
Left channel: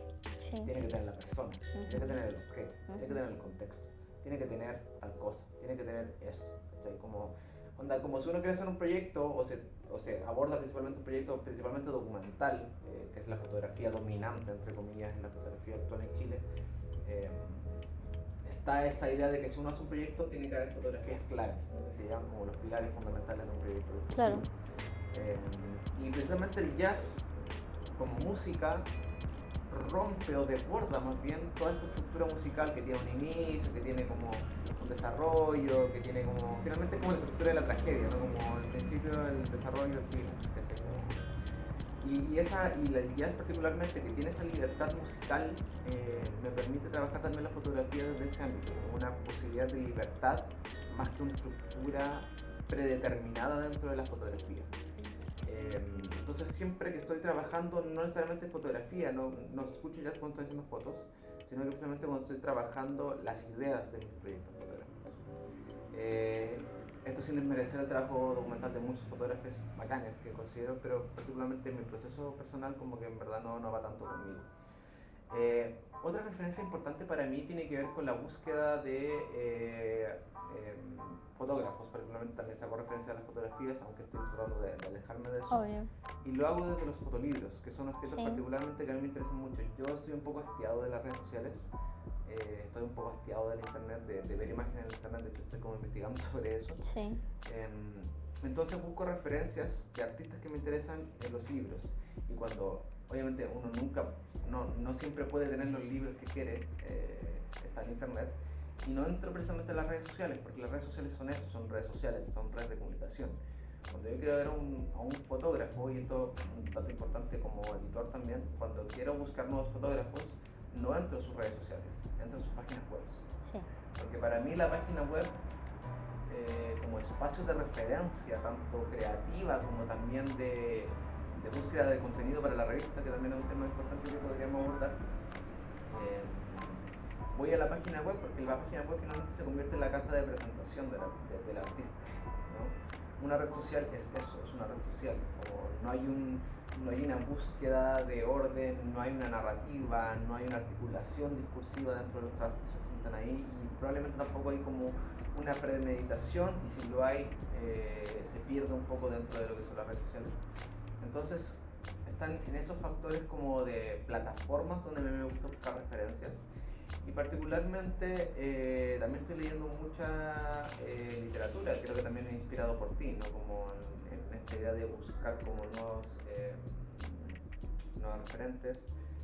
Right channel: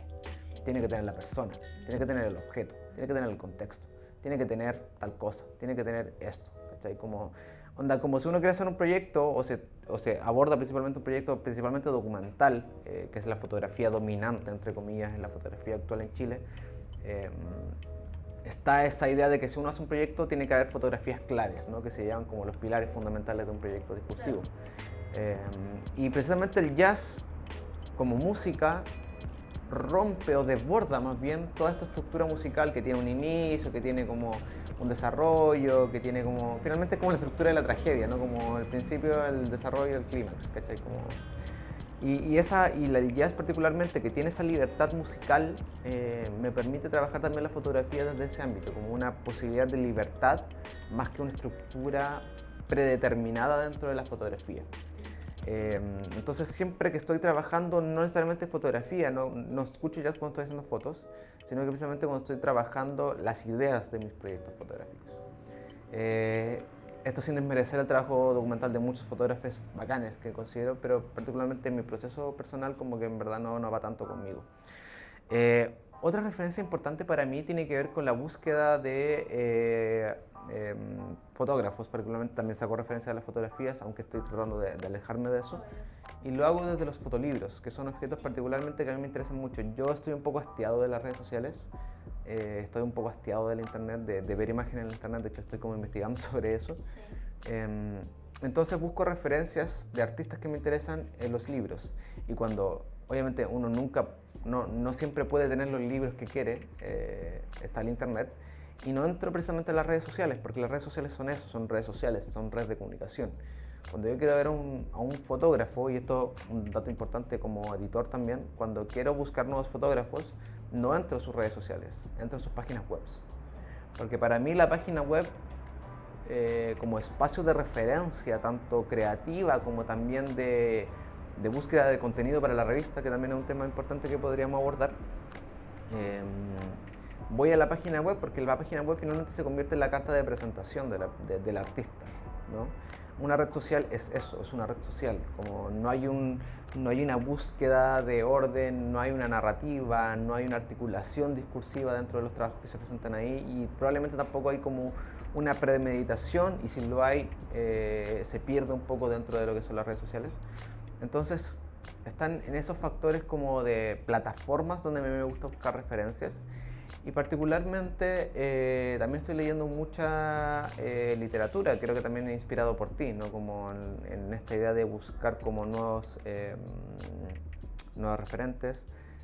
tiene que tener la persona, tiene que tener el objeto, tiene que tener el contexto, tiene que tener tal cosa, tiene que tener esto, ¿cachai? Como si uno quiere hacer un proyecto o se aborda principalmente un proyecto principalmente documental, que es la fotografía dominante, entre comillas, en la fotografía actual en Chile, está esa idea de que si uno hace un proyecto tiene que haber fotografías claves, ¿no? Que se llaman como los pilares fundamentales de un proyecto discursivo. Claro. Y precisamente el jazz como música rompe o desborda más bien toda esta estructura musical que tiene un inicio, que tiene como un desarrollo, que tiene como, finalmente como la estructura de la tragedia, ¿no? Como el principio, el desarrollo y el clímax, ¿cachai? Y el jazz particularmente, que tiene esa libertad musical, me permite trabajar también la fotografía desde ese ámbito, como una posibilidad de libertad más que una estructura predeterminada dentro de la fotografía. Entonces siempre que estoy trabajando, no necesariamente fotografía, no escucho jazz cuando estoy haciendo fotos, sino que precisamente cuando estoy trabajando las ideas de mis proyectos fotográficos. Esto sin desmerecer el trabajo documental de muchos fotógrafos bacanes que considero, pero particularmente en mi proceso personal como que en verdad no va tanto conmigo. Otra referencia importante para mí tiene que ver con la búsqueda de fotógrafos, particularmente también saco referencia a las fotografías, aunque estoy tratando de alejarme de eso. Obvio. Y lo hago desde los fotolibros, que son objetos particularmente que a mí me interesan mucho. Yo estoy un poco hastiado de las redes sociales, estoy un poco hastiado del internet, de ver imágenes en el internet, de hecho estoy como investigando sobre eso. Sí. Entonces busco referencias de artistas que me interesan en los libros. Y cuando, obviamente, uno no siempre puede tener los libros que quiere, está el internet, y no entro precisamente en las redes sociales, porque las redes sociales son eso, son redes sociales, son redes de comunicación. Cuando yo quiero ver a un fotógrafo, y esto es un dato importante como editor también, cuando quiero buscar nuevos fotógrafos, no entro en sus redes sociales, entro en sus páginas web. Sí. Porque para mí la página web, como espacio de referencia, tanto creativa como también de búsqueda de contenido para la revista, que también es un tema importante que podríamos abordar, voy a la página web porque la página web finalmente se convierte en la carta de presentación del artista, ¿no? Una red social es eso, es una red social, como no hay una búsqueda de orden, no hay una narrativa, no hay una articulación discursiva dentro de los trabajos que se presentan ahí, y probablemente tampoco hay como una premeditación, y si lo hay, se pierde un poco dentro de lo que son las redes sociales. Entonces están en esos factores como de plataformas donde me gusta buscar referencias. Y particularmente también estoy leyendo mucha literatura, creo que también inspirado por ti, ¿no? Como en esta idea de buscar como nuevos referentes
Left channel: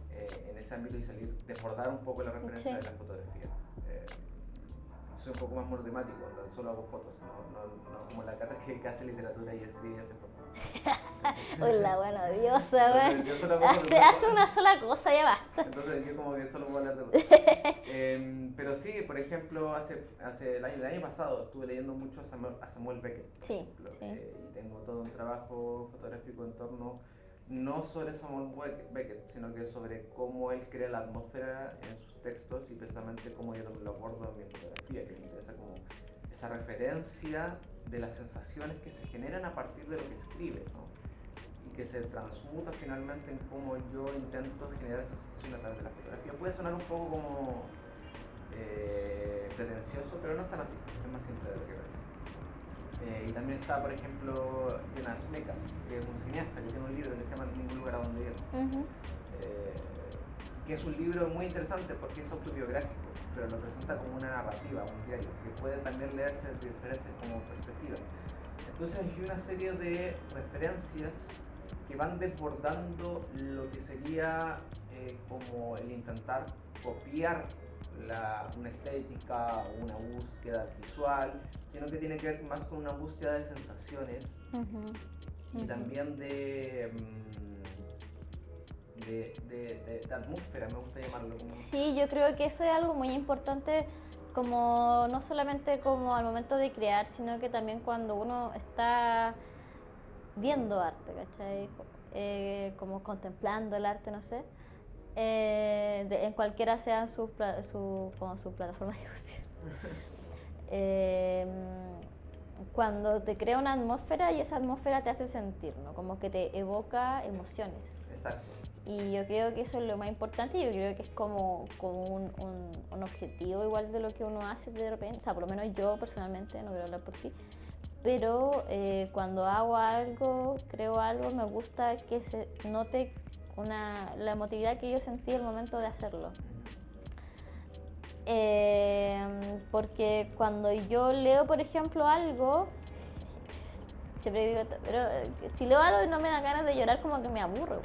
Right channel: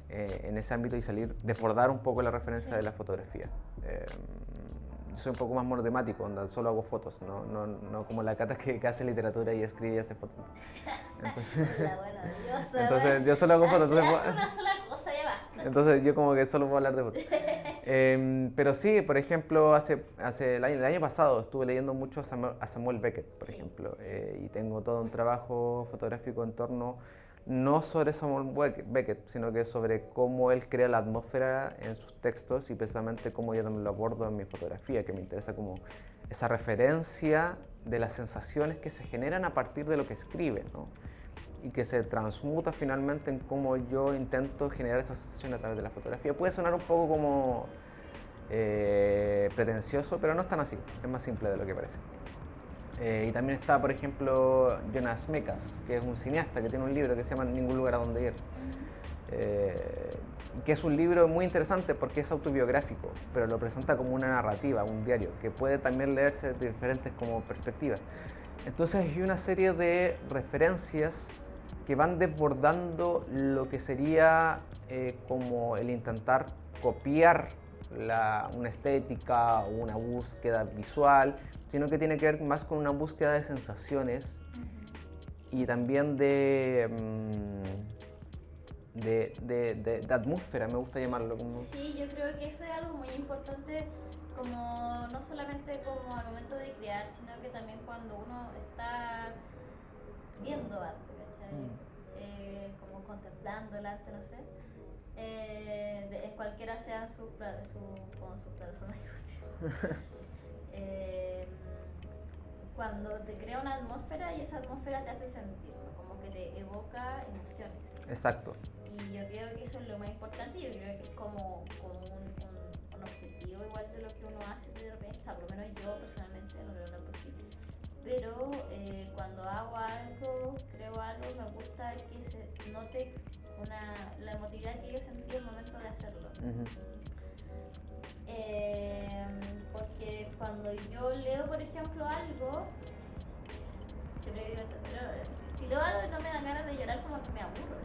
en ese ámbito y desbordar un poco la referencia de la fotografía. Soy un poco más monotemático, donde solo hago fotos, no como la Cata que hace literatura y escribe y hace fotos. Hola, bueno, diosa. Entonces yo solo hago fotos. Hace una sola cosa, ya basta. Entonces yo como que solo puedo hablar de fotos. Pero sí, por ejemplo, el año pasado estuve leyendo mucho a Samuel Beckett, por ejemplo, y tengo todo un trabajo fotográfico en torno no sobre Samuel Beckett, sino que sobre cómo él crea la atmósfera en sus textos y precisamente cómo yo también lo abordo en mi fotografía, que me interesa como esa referencia de las sensaciones que se generan a partir de lo que escribe, ¿no? Y que se transmuta finalmente en cómo yo intento generar esa sensación a través de la fotografía. Puede sonar un poco como pretencioso, pero no es tan así, es más simple de lo que parece. Y también está, por ejemplo, Jonas Mekas, que es un cineasta que tiene un libro que se llama Ningún lugar a donde ir, que es un libro muy interesante porque es autobiográfico, pero lo presenta como una narrativa, un diario, que puede también leerse de diferentes como perspectivas. Entonces hay una serie de referencias que van desbordando lo que sería como el intentar copiar una estética o una búsqueda visual, sino que tiene que ver más con una búsqueda de sensaciones y también de atmósfera, me gusta llamarlo. Sí, yo creo que eso es algo muy importante como no solamente como al momento de crear, sino que también cuando uno está viendo arte, ¿cachai? Como contemplando el arte, no sé, en cualquiera sean sus plataformas de difusión. Cuando te crea una atmósfera y esa atmósfera te hace sentir, ¿no? Como que te evoca emociones. Exacto. Y yo creo que eso es lo más importante. Yo creo que es como un objetivo igual de lo que uno hace de repente. O sea, por lo menos yo personalmente, no quiero hablar por ti, pero cuando hago algo, creo algo, me gusta que se note la emotividad que yo sentí al momento de hacerlo. Porque cuando yo leo, por ejemplo, algo, siempre digo, pero si leo algo y no me dan ganas de llorar, como que me aburro.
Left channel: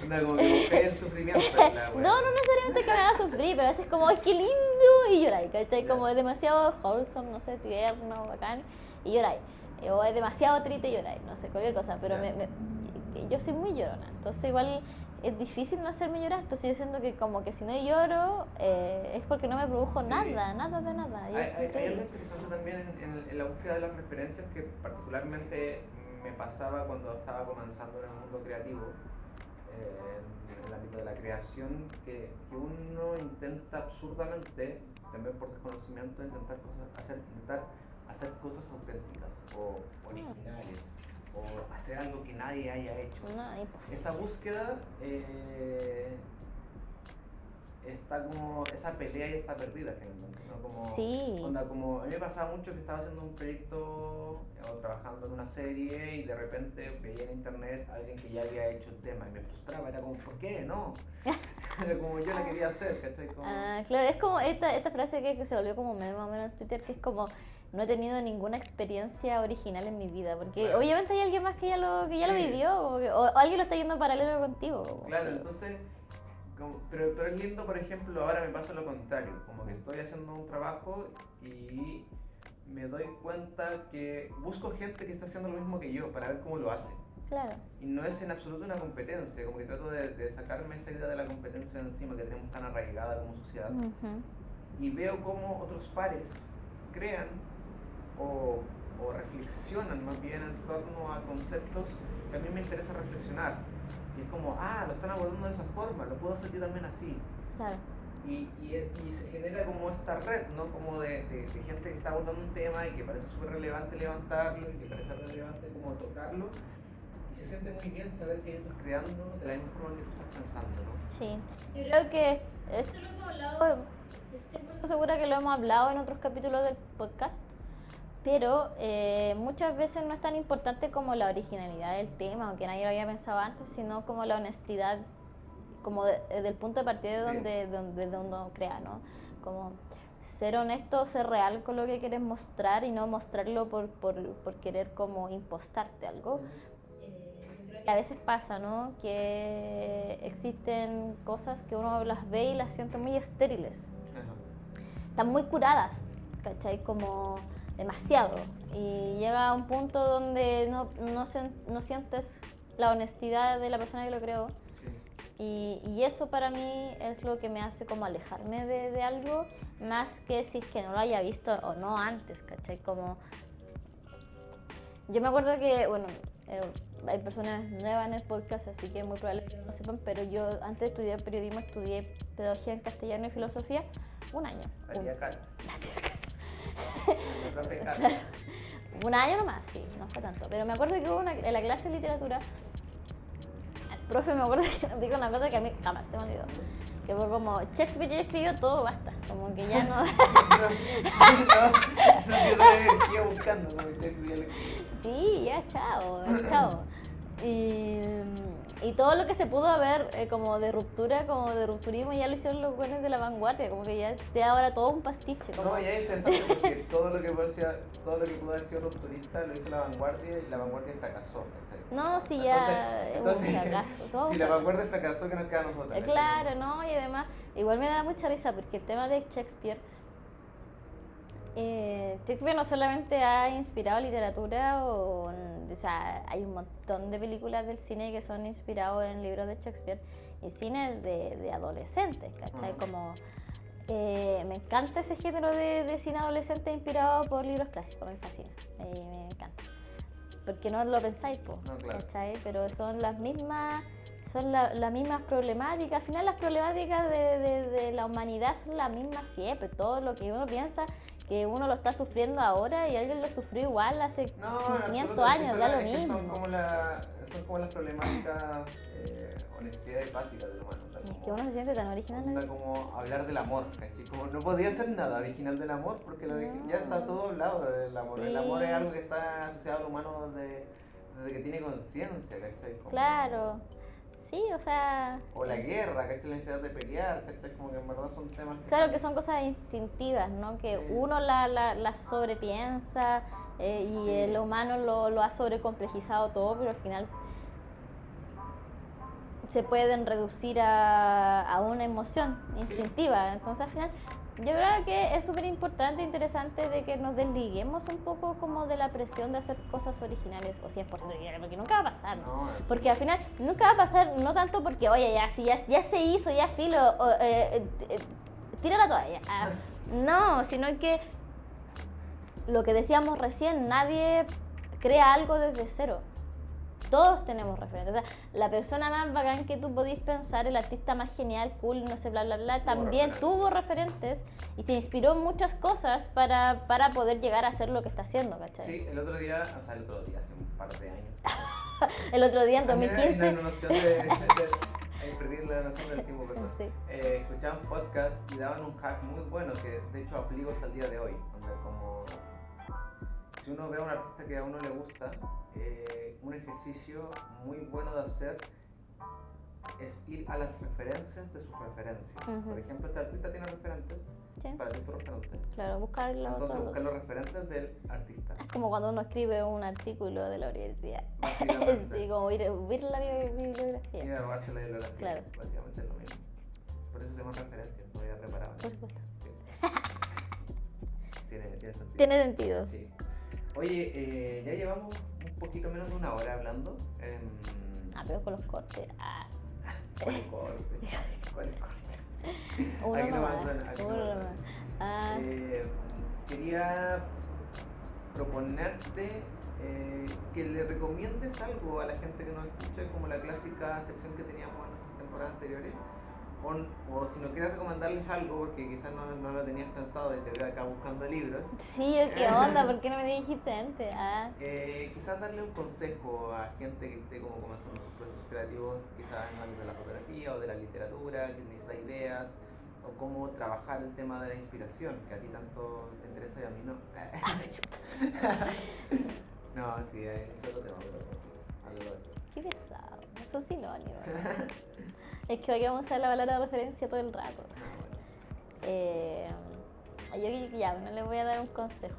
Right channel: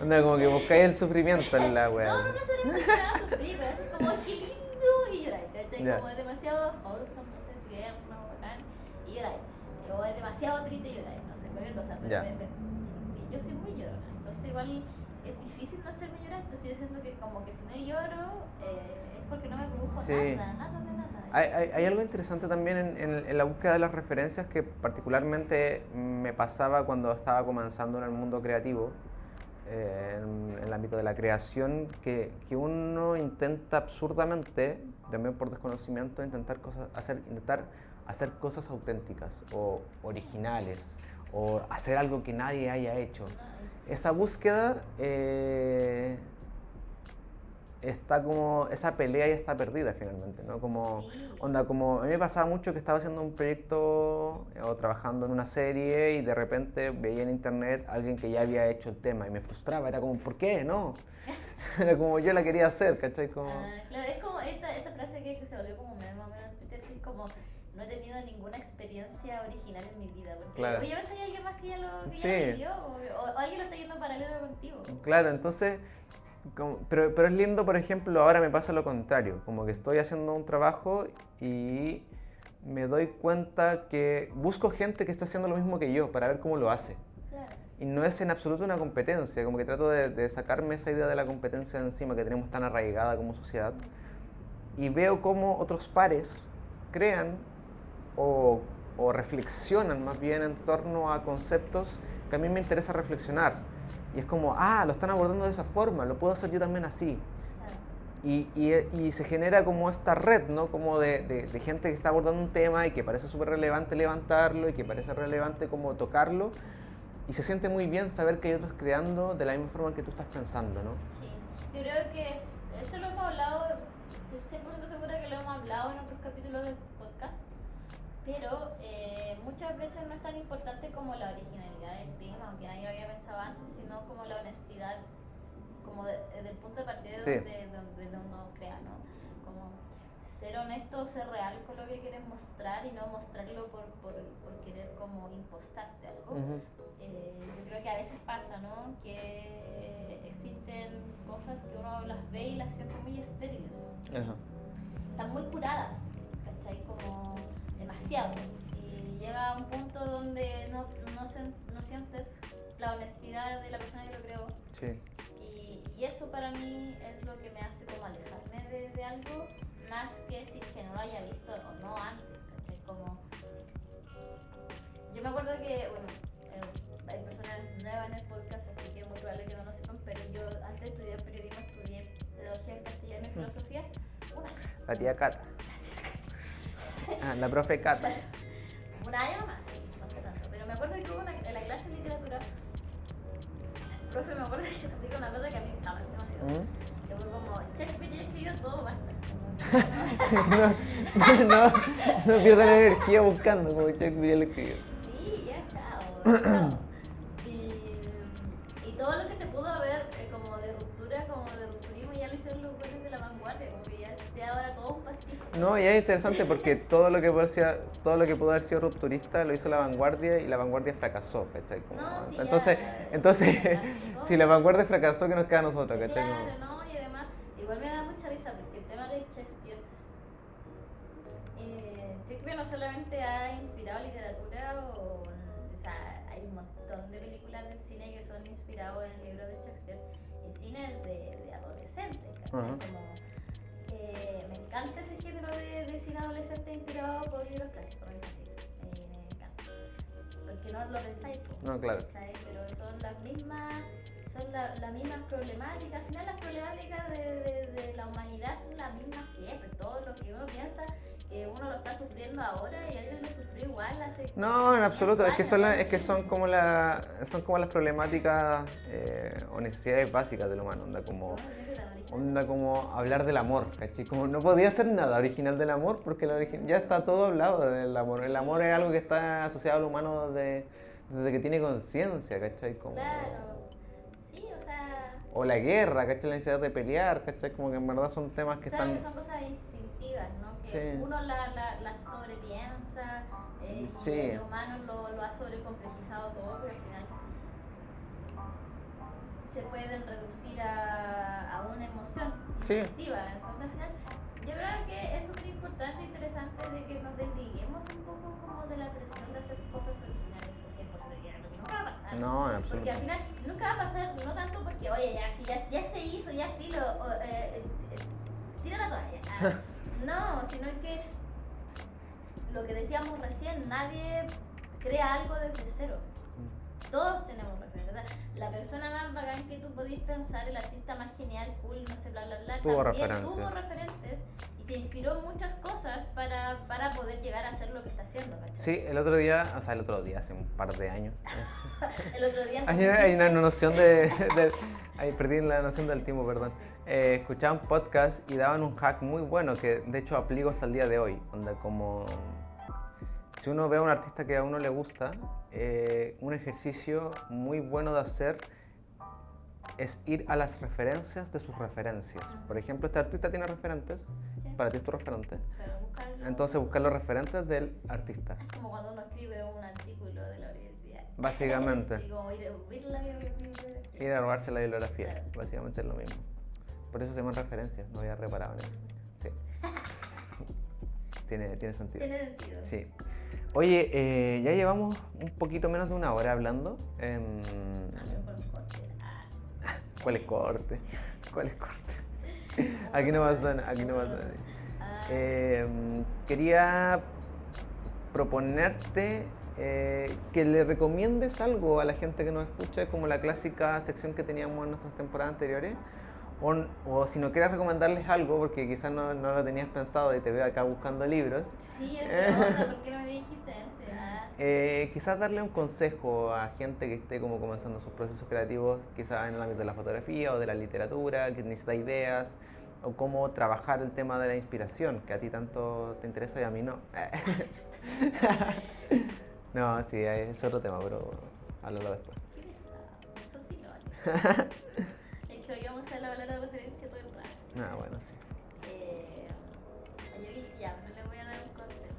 Onda, como que buscáis el sufrimiento en la wea. No necesariamente que me haga sufrir, pero a veces como, ¡ay, qué lindo! Y lloráis, ¿cachai? Yeah. Como es demasiado wholesome, no sé, tierno, bacán, y lloráis. O es demasiado triste y lloráis, no sé, cualquier cosa, pero Yeah. yo soy muy llorona, entonces igual es difícil no hacerme llorar, entonces yo siento que como que si no lloro es porque no me produjo Sí. nada de nada. Hay algo interesante también en la búsqueda de las referencias que particularmente me pasaba cuando estaba comenzando en el mundo creativo, en el ámbito de la creación, que uno intenta absurdamente, también por desconocimiento, intentar hacer cosas auténticas o originales, o hacer algo que nadie haya hecho. No, imposible. Esa búsqueda está como, esa pelea ya está perdida finalmente, ¿no? Como, Sí. onda, como a mí me pasaba mucho que estaba haciendo un proyecto o trabajando en una serie y de repente veía en internet a alguien que ya había hecho el tema y me frustraba, era como, ¿por qué? No. Era como yo la quería hacer, ¿cachai? Como... Claro, es como esta frase que se volvió como meme más o menos en Twitter, que es como, no he tenido ninguna experiencia original en mi vida, porque Claro. obviamente hay alguien más que ya lo Sí. vivió, o alguien lo está yendo paralelo contigo. Claro, entonces, pero es lindo, por ejemplo, ahora me pasa lo contrario, como que estoy haciendo un trabajo y me doy cuenta que busco gente que está haciendo lo mismo que yo para ver cómo lo hace. Claro. Y no es en absoluto una competencia, como que trato de sacarme esa idea de la competencia de encima que tenemos tan arraigada como sociedad. Y veo cómo otros pares crean o reflexionan más bien en torno a conceptos que a mí me interesa reflexionar. Y es como, lo están abordando de esa forma, lo puedo hacer yo también así. Claro. Y se genera como esta red, ¿no? Como de gente que está abordando un tema y que parece súper relevante levantarlo y que parece relevante como tocarlo. Y se siente muy bien saber que hay otros creando de la misma forma que tú estás pensando, ¿no? Sí, yo creo que esto lo hemos hablado, estoy 100% segura que lo hemos hablado en otros capítulos del podcast, pero muchas veces no es tan importante como la originalidad del tema, aunque nadie lo había pensado antes, sino como la honestidad, como del punto de partida Sí. de donde uno crea, ¿no? Como ser honesto, ser real con lo que quieres mostrar y no mostrarlo por querer como impostarte algo. Yo creo que a veces pasa, ¿no? Que existen cosas que uno las ve y las siente muy estériles. Ajá. Están muy curadas, ¿cachai? Como demasiado. Y llega a un punto donde no sientes la honestidad de la persona que lo creó. Sí. Y eso para mí es lo que me hace como alejarme de algo, más que si es que no lo haya visto o no antes, ¿cachai? Como... Yo me acuerdo que, bueno... hay personas nuevas en el podcast, así que es muy probable que no lo sepan, pero yo antes de estudiar periodismo estudié pedagogía en castellano y filosofía un año. La tía Cata. La profe Cata. Un año nomás, sí, no fue tanto. Pero me acuerdo que hubo en la clase de literatura, el profe me acuerdo que nos dijo una cosa que a mí jamás se me olvidó. Que fue como, Shakespeare ya escribió todo, basta. Como que ya no... no quiero dar energía buscando, como Shakespeare le escribió. Sí, ya, chao. Y todo lo que se pudo ver como de ruptura, como de rupturismo, ya lo hicieron los buenos de la vanguardia, como que ya te da ahora todo un pastiche. No, y es interesante porque todo lo que pudo haber sido rupturista lo hizo la vanguardia y la vanguardia fracasó, ¿cachai? No, sí, entonces ya, un fracaso, si la vanguardia fracasó, ¿qué nos queda a nosotros, cachai? Claro, no, y además, igual me da mucha risa porque el tema de Shakespeare, Shakespeare no solamente ha inspirado literatura, o sea, hay un montón de películas del cine que son inspirados en libros de Shakespeare y cine de adolescentes, ¿cachai? Uh-huh. Como Me encanta ese género de cine adolescente inspirado por libros clásicos, me fascina, me encanta. Porque no lo pensáis, po, No, claro. ¿cachai? Pero son las mismas, las mismas problemáticas. Al final las problemáticas de la humanidad son las mismas siempre. Todo lo que uno piensa que uno lo está sufriendo ahora y alguien lo sufrió igual hace No, en 500 absoluto, es que años, son, da las- lo es que son mismo. como son como las problemáticas o necesidades básicas del humano, onda Que como, uno se siente tan original. onda como hablar del amor, ¿cachai? Como no podía ser nada original del amor porque ya está todo hablado del amor. El amor es Sí. algo que está asociado al humano desde que tiene conciencia, ¿cachai? Como- Claro, sí, o sea, O la guerra, ¿cachai? La necesidad de pelear, ¿cachai? Como que en verdad son temas que claro están... que son cosas instintivas, ¿no? Que Sí. uno las sobrepiensa y Sí. el humano lo ha sobrecomplejizado todo, pero al final se pueden reducir a una emoción Sí. instintiva. Entonces al final yo creo que es súper importante e interesante de que nos desliguemos un poco como de la presión de hacer cosas originales o 100% originales, porque nunca va a pasar. No, en absoluto. Porque al final nunca va a pasar, no tanto porque, oye, ya se hizo, ya filo, tira la toalla. Ah, no, sino que lo que decíamos recién, nadie crea algo desde cero. Todos tenemos referentes. O sea, la persona más bacán que tú podís pensar, el artista más genial, cool, no sé, bla, bla, bla, Tuvo también referencias. tuvo referentes y se inspiró en muchas cosas para poder llegar a hacer lo que está haciendo, ¿cachai? Sí, el otro día, hace un par de años. El otro día en Hay 2015, una noción ahí perdí la noción del tiempo, perdón. Sí. Escuchaba un podcast y daban un hack muy bueno que de hecho aplico hasta el día de hoy. Onda como si uno ve a un artista que a uno le gusta, un ejercicio muy bueno de hacer es ir a las referencias de sus referencias. Ujú. Por ejemplo, este artista tiene referentes, Sí. para ti tu referente. claro, buscarlo. Entonces buscar los referentes del artista. Es como cuando uno escribe un artículo de la universidad. Básicamente. Sí, como ir la bibliografía. Ir a robarse la bibliografía, Claro. básicamente es lo mismo. Por eso se llaman referencias, no había reparado en Por eso. supuesto. Sí. Tiene sentido. Tiene sentido. Sí. Oye, ya llevamos un poquito menos de una hora hablando. Ah, pero con los cortes. Ah, ¿Cuál es corte? ¿Cuál es corte? uno Aquí no nomás, pasa nada, aquí no uno pasa nomás. nada. Ah, Quería proponerte que le recomiendes algo a la gente que nos escucha, como la clásica sección que teníamos en nuestras temporadas anteriores. O si no quieres recomendarles algo, porque quizás no lo tenías pensado y te veo acá buscando libros, sí, ¿qué onda? ¿Por qué no me dijiste antes? Ah, quizás darle un consejo a gente que esté como comenzando sus procesos creativos, quizás en el ámbito de la fotografía o de la literatura, que necesita ideas, o cómo trabajar el tema de la inspiración, que a ti tanto te interesa y a mí no. No, sí, es otro tema, pero háblalo después. qué pesado. Son sinónimos. Es que hoy vamos a usar la palabra referencia todo el rato. Ah, bueno, sí. Yo ya, no le voy a dar un consejo.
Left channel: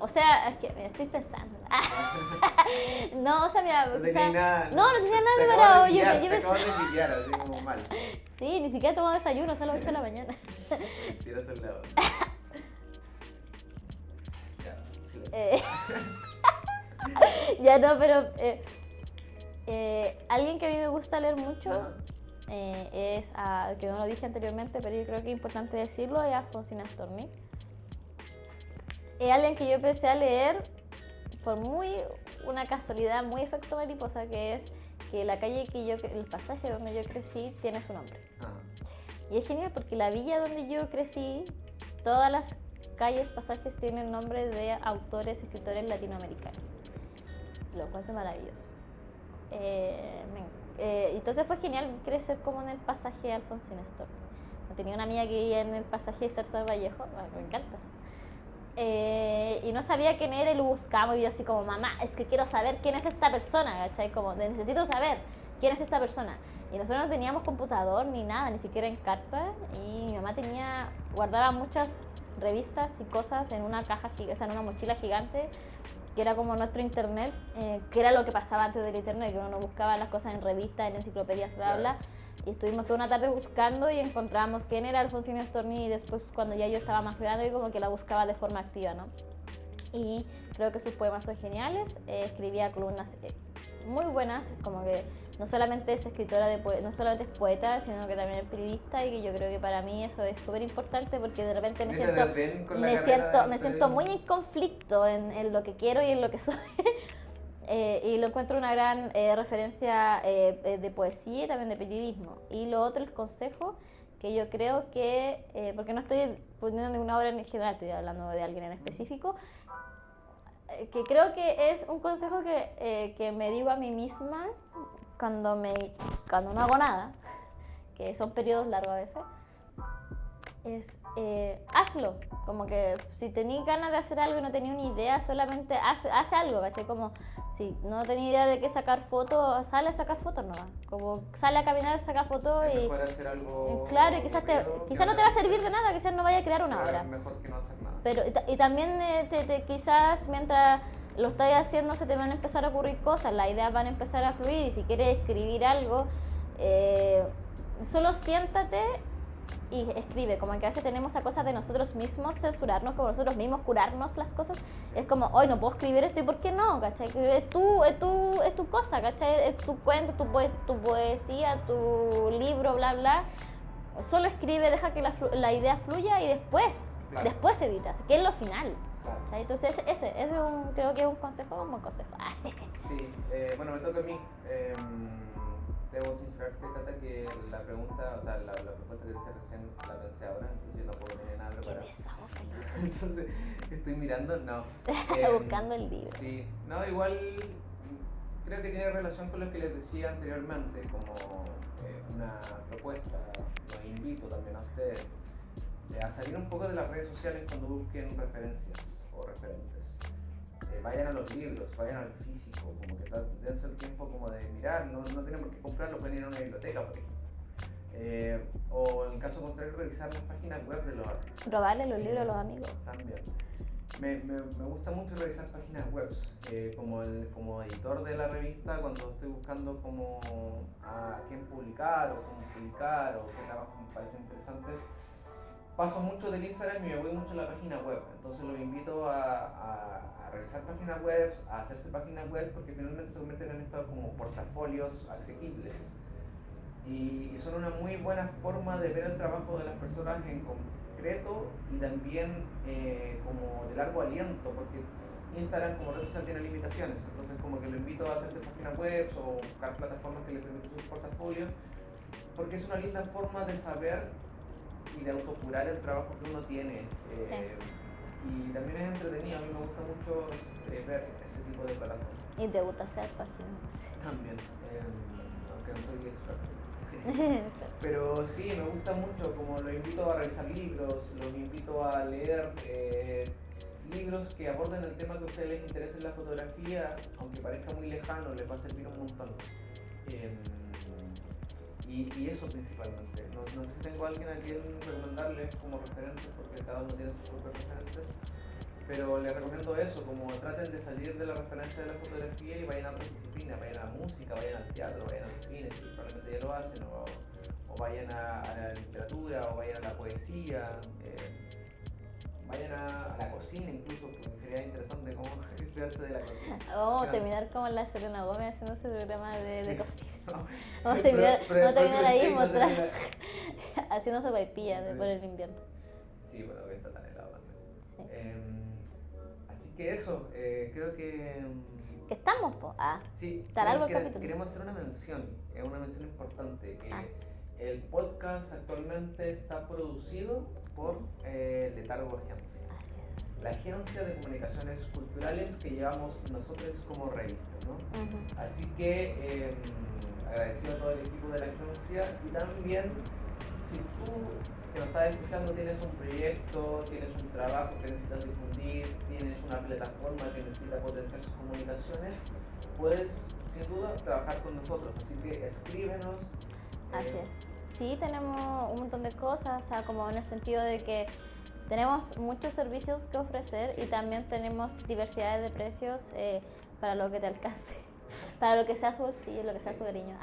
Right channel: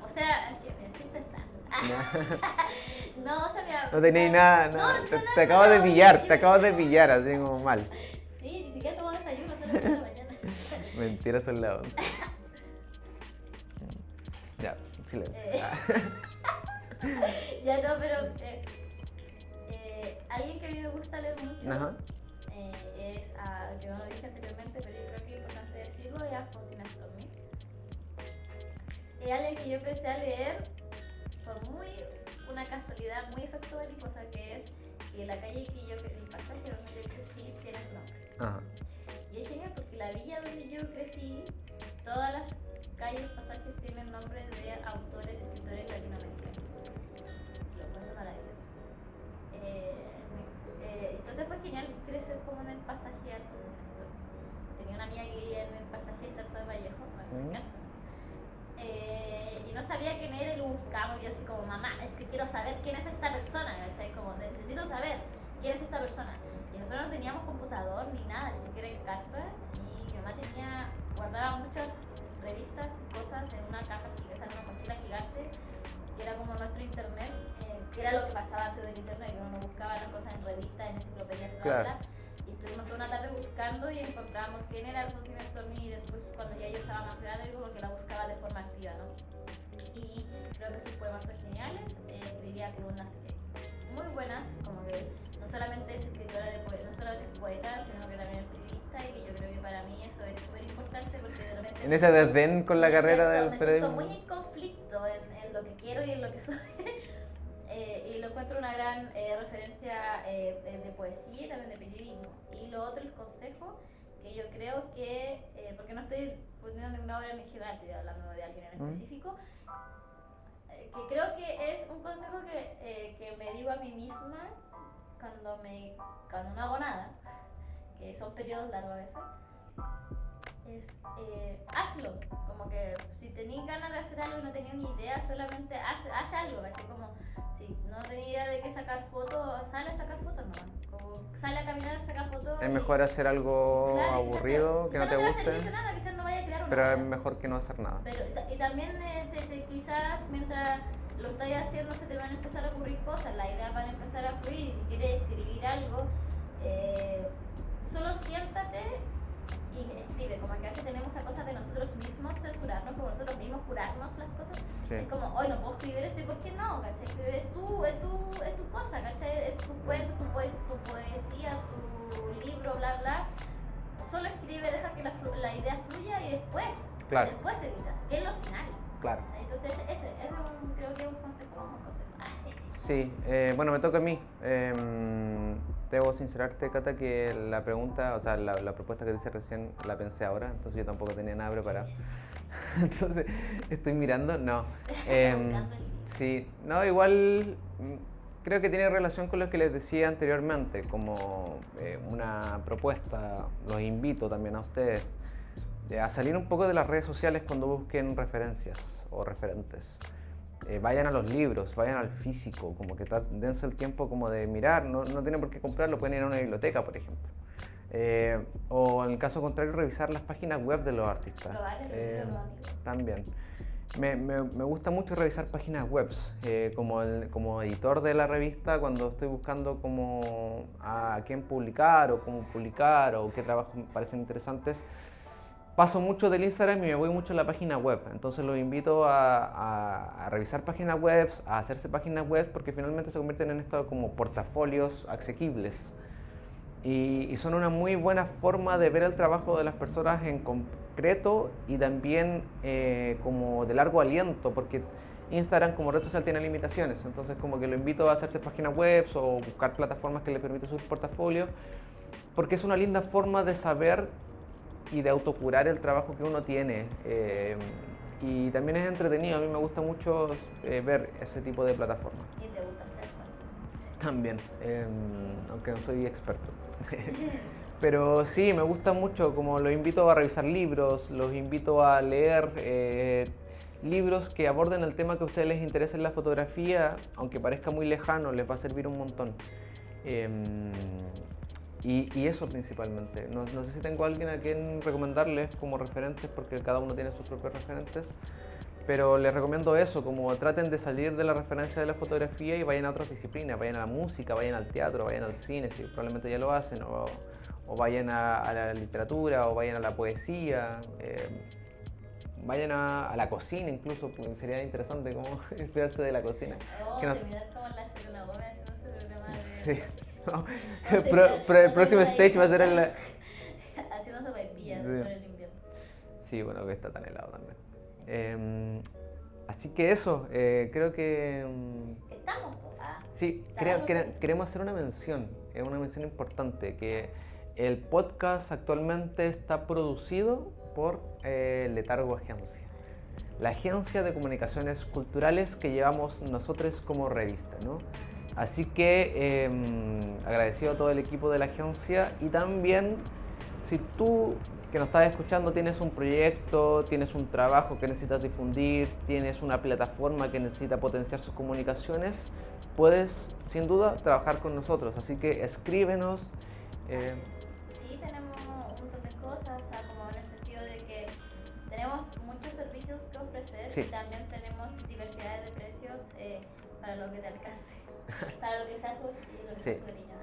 O sea, es que me estoy pensando. No, o sea, mira. No o tenéis sea, nada. No, no tenía nada. Te acabas de preparado, pillar, yo te acabas de pillar, así como mal. Sí, ni siquiera he tomado desayuno, solo de la mañana. Mentira, son las 11. Ya, silencio. Ya no, pero alguien que a mí me gusta leer mucho Ajá. es, que no lo dije anteriormente, pero yo creo que es importante decirlo, es Alfonsina Storni. Es alguien que yo empecé a leer por una casualidad, muy efecto mariposa, que es que la calle el pasaje donde yo crecí tiene su nombre. Ajá. Y es genial porque la villa donde yo crecí, todas las calles, pasajes tienen nombres de autores, escritores latinoamericanos. Lo encuentro maravilloso. Entonces fue genial crecer como en el pasaje Alfonsina Storni. Tenía una amiga que vivía en el pasaje Cercer Vallejo, me encanta. Y no sabía quién era y lo buscamos y yo así como, mamá, es que quiero saber quién es esta persona, ¿cachai? Como, necesito saber quién es esta persona. Y nosotros no teníamos computador ni nada, ni siquiera en carta, y mi mamá guardaba muchas revistas y cosas en una caja, o sea, en una mochila gigante, que era como nuestro internet, que era lo que pasaba antes del internet, que uno buscaba las cosas en revistas, en enciclopedias, bla, Claro. bla. Y estuvimos toda una tarde buscando y encontramos quién era Alfonsina Storni, y después cuando ya yo estaba más grande como que la buscaba de forma activa, ¿no? Y creo que sus poemas son geniales, escribía columnas muy buenas, como que no solamente es escritora, no solamente es poeta, sino que también es periodista, y que yo creo que para mí eso es súper importante porque de repente En ese desdén con la carrera del me siento periodismo. muy en conflicto en lo que quiero y en lo que soy. Y lo encuentro una gran referencia de poesía y también de periodismo. Y lo otro, el consejo, que yo creo que, porque no estoy poniendo ninguna obra en general, estoy hablando de alguien en específico, que creo que es un consejo que me digo a mí misma cuando no hago nada, que son periodos largos a veces, es hazlo. Como que si tenías ganas de hacer algo y no tenías una idea, solamente haz algo, ¿cachai? Como si no tenías idea de qué sacar fotos, sale a sacar fotos nomás. Como sale a caminar, saca fotos. Es mejor hacer algo claro, aburrido, quizás no te va a servir de nada, quizás no vaya a crear una pero obra. es mejor que no hacer nada. Pero, y también quizás mientras lo estás haciendo se te van a empezar a ocurrir cosas, las ideas van a empezar a fluir, y si quieres escribir algo, solo siéntate y escribe. Como que a veces tenemos a cosas de nosotros mismos censurarnos, como nosotros mismos curarnos las cosas. Sí. Es como, hoy no puedo escribir esto, ¿y por qué no? ¿Cachai? Es tu cosa, ¿cachai? Es tu cuento, tu poesía, tu libro, bla, bla. Solo escribe, deja que la idea fluya y después editas, que es lo final. Claro. ¿Cachai? Entonces creo que es un buen consejo. Sí, bueno, me toca a mí. Debo sincerarte, Cata, que la pregunta, o sea, la propuesta que te hice recién la pensé ahora, entonces yo tampoco tenía nada preparado. Entonces, estoy mirando, no. Buscando el libro. Sí, no, igual creo que tiene relación con lo que les decía anteriormente, como una propuesta. Los invito también a ustedes a salir un poco de las redes sociales cuando busquen referencias o referentes. Vayan a los libros, vayan al físico, como que dense el tiempo como de mirar, no tienen por qué comprarlo, pueden ir a una biblioteca, por ejemplo. O en el caso contrario, revisar las páginas web de los artistas. Probarle los libros a los amigos. También. Me gusta mucho revisar páginas web, como editor de la revista, cuando estoy buscando como a quién publicar o cómo publicar o qué trabajos me parecen interesantes. Paso mucho del Instagram y me voy mucho a la página web, entonces los invito a revisar páginas web, a hacerse páginas web, porque finalmente se convierten en esto como portafolios asequibles y son una muy buena forma de ver el trabajo de las personas en concreto y también como de largo aliento, porque Instagram como red social tiene limitaciones, entonces como que lo invito a hacerse páginas web o buscar plataformas que les permitan subir portafolios, porque es una linda forma de saber y de autocurar el trabajo que uno tiene. Sí. Y también es entretenido, a mí me gusta mucho ver ese tipo de plataformas. ¿Y te gusta hacer páginas? También, aunque no soy experto. Pero sí, me gusta mucho, como los invito a revisar libros, los invito a leer libros que aborden el tema que a ustedes les interesa en la fotografía, aunque parezca muy lejano, les va a servir un montón. Y eso principalmente. No sé si tengo a alguien a quien recomendarles como referentes, porque cada uno tiene sus propios referentes, pero les recomiendo eso, como traten de salir de la referencia de la fotografía y vayan a otras disciplinas, vayan a la música, vayan al teatro, vayan al cine, si probablemente ya lo hacen, o vayan a la literatura, o vayan a la poesía, vayan a la cocina incluso, porque sería interesante como inspirarse de la cocina. Terminar como la Selena Gómez haciendo ese programa de cocina. El próximo stage va a ser en la... haciendo sopaipillas por el invierno. Sí, bueno, que está tan helado también. Sí. Así que eso, creo que... ¿Que estamos, po? Sí, queremos hacer una mención importante, que el podcast actualmente está producido por Letargo Agencia. La agencia de comunicaciones culturales que llevamos nosotros como revista, ¿no? Así que agradecido a todo el equipo de la agencia, y también si tú que nos estás escuchando tienes un proyecto, tienes un trabajo que necesitas difundir, tienes una plataforma que necesita potenciar sus comunicaciones, puedes sin duda trabajar con nosotros, así que escríbenos. Así es. Sí, tenemos un montón de cosas, o sea, como en el sentido de que tenemos muchos servicios que ofrecer, sí, y también tenemos diversidad de precios para lo que te alcance, para lo que sea su bolsillo, lo que sea su cariño.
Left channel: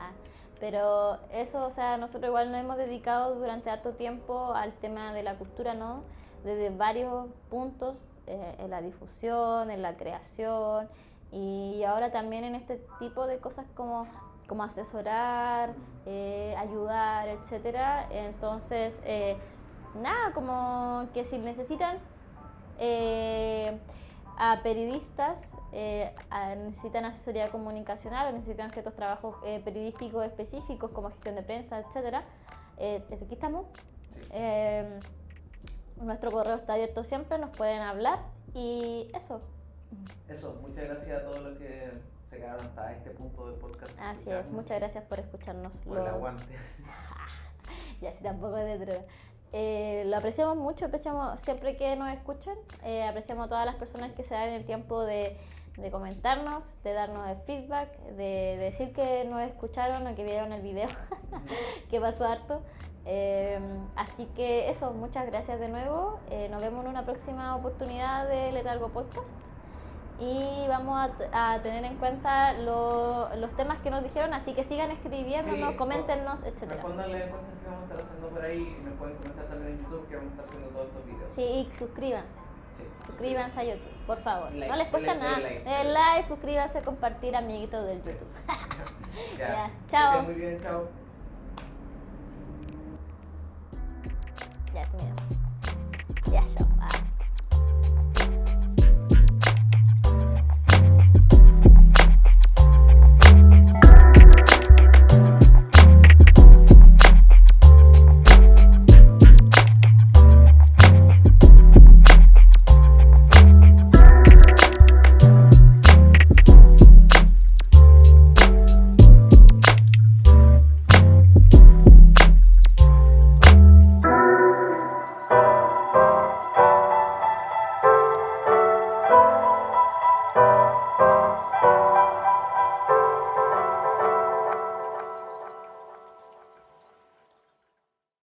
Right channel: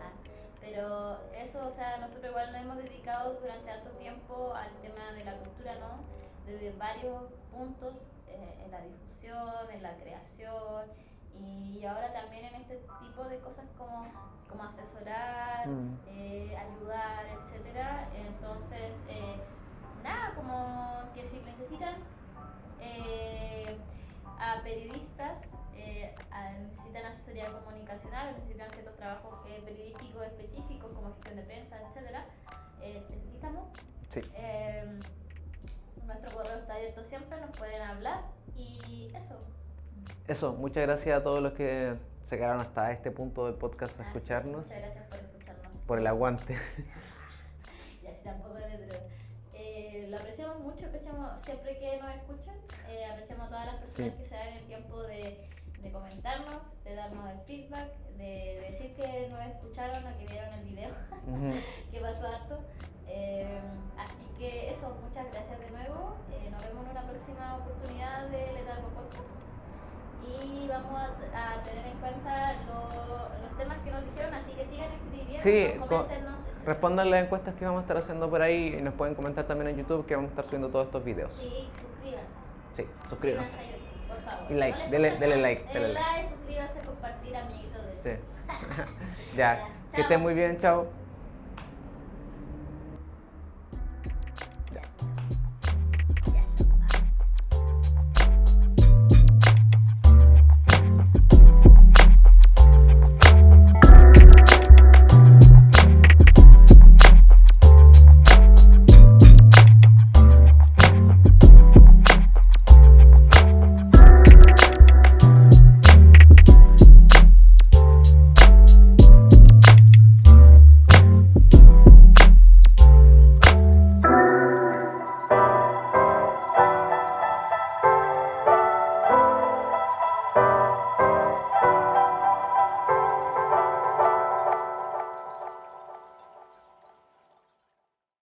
Pero eso, o sea, nosotros igual nos hemos dedicado durante harto tiempo al tema de la cultura, ¿no? Desde varios puntos, en la difusión, en la creación, Y ahora también en este tipo de cosas como asesorar, ayudar, etcétera. Entonces, nada, como que si necesitan a periodistas, necesitan asesoría comunicacional o necesitan ciertos trabajos periodísticos específicos como gestión de prensa, etcétera, desde aquí estamos. Sí. Nuestro correo está abierto siempre, nos pueden hablar y eso. Eso, muchas gracias a todos los que se quedaron hasta este punto del podcast a escucharnos. Muchas gracias por escucharnos. Por el aguante. Ya, sí, tampoco es de droga. Lo apreciamos mucho, apreciamos siempre que nos escuchan, apreciamos a todas las personas que se dan el tiempo de comentarnos, de darnos el feedback, de decir que nos escucharon o que vieron el video, que pasó harto. Así que eso, muchas gracias de nuevo. Nos vemos en una próxima oportunidad de Letargo Podcast. Y vamos a tener en cuenta los temas que nos dijeron, así que sigan escribiendo, coméntenos, etc. Respondan las encuestas que vamos a estar haciendo por ahí y nos pueden comentar también en YouTube que vamos a estar subiendo todos estos videos. Sí, y suscríbanse. Sí, suscríbanse a YouTube, por favor. Y like, no les cuesta nada. Denle like. Denle like, suscríbanse, compartir, amiguitos del YouTube. Ya, chao. que estén muy bien, chao.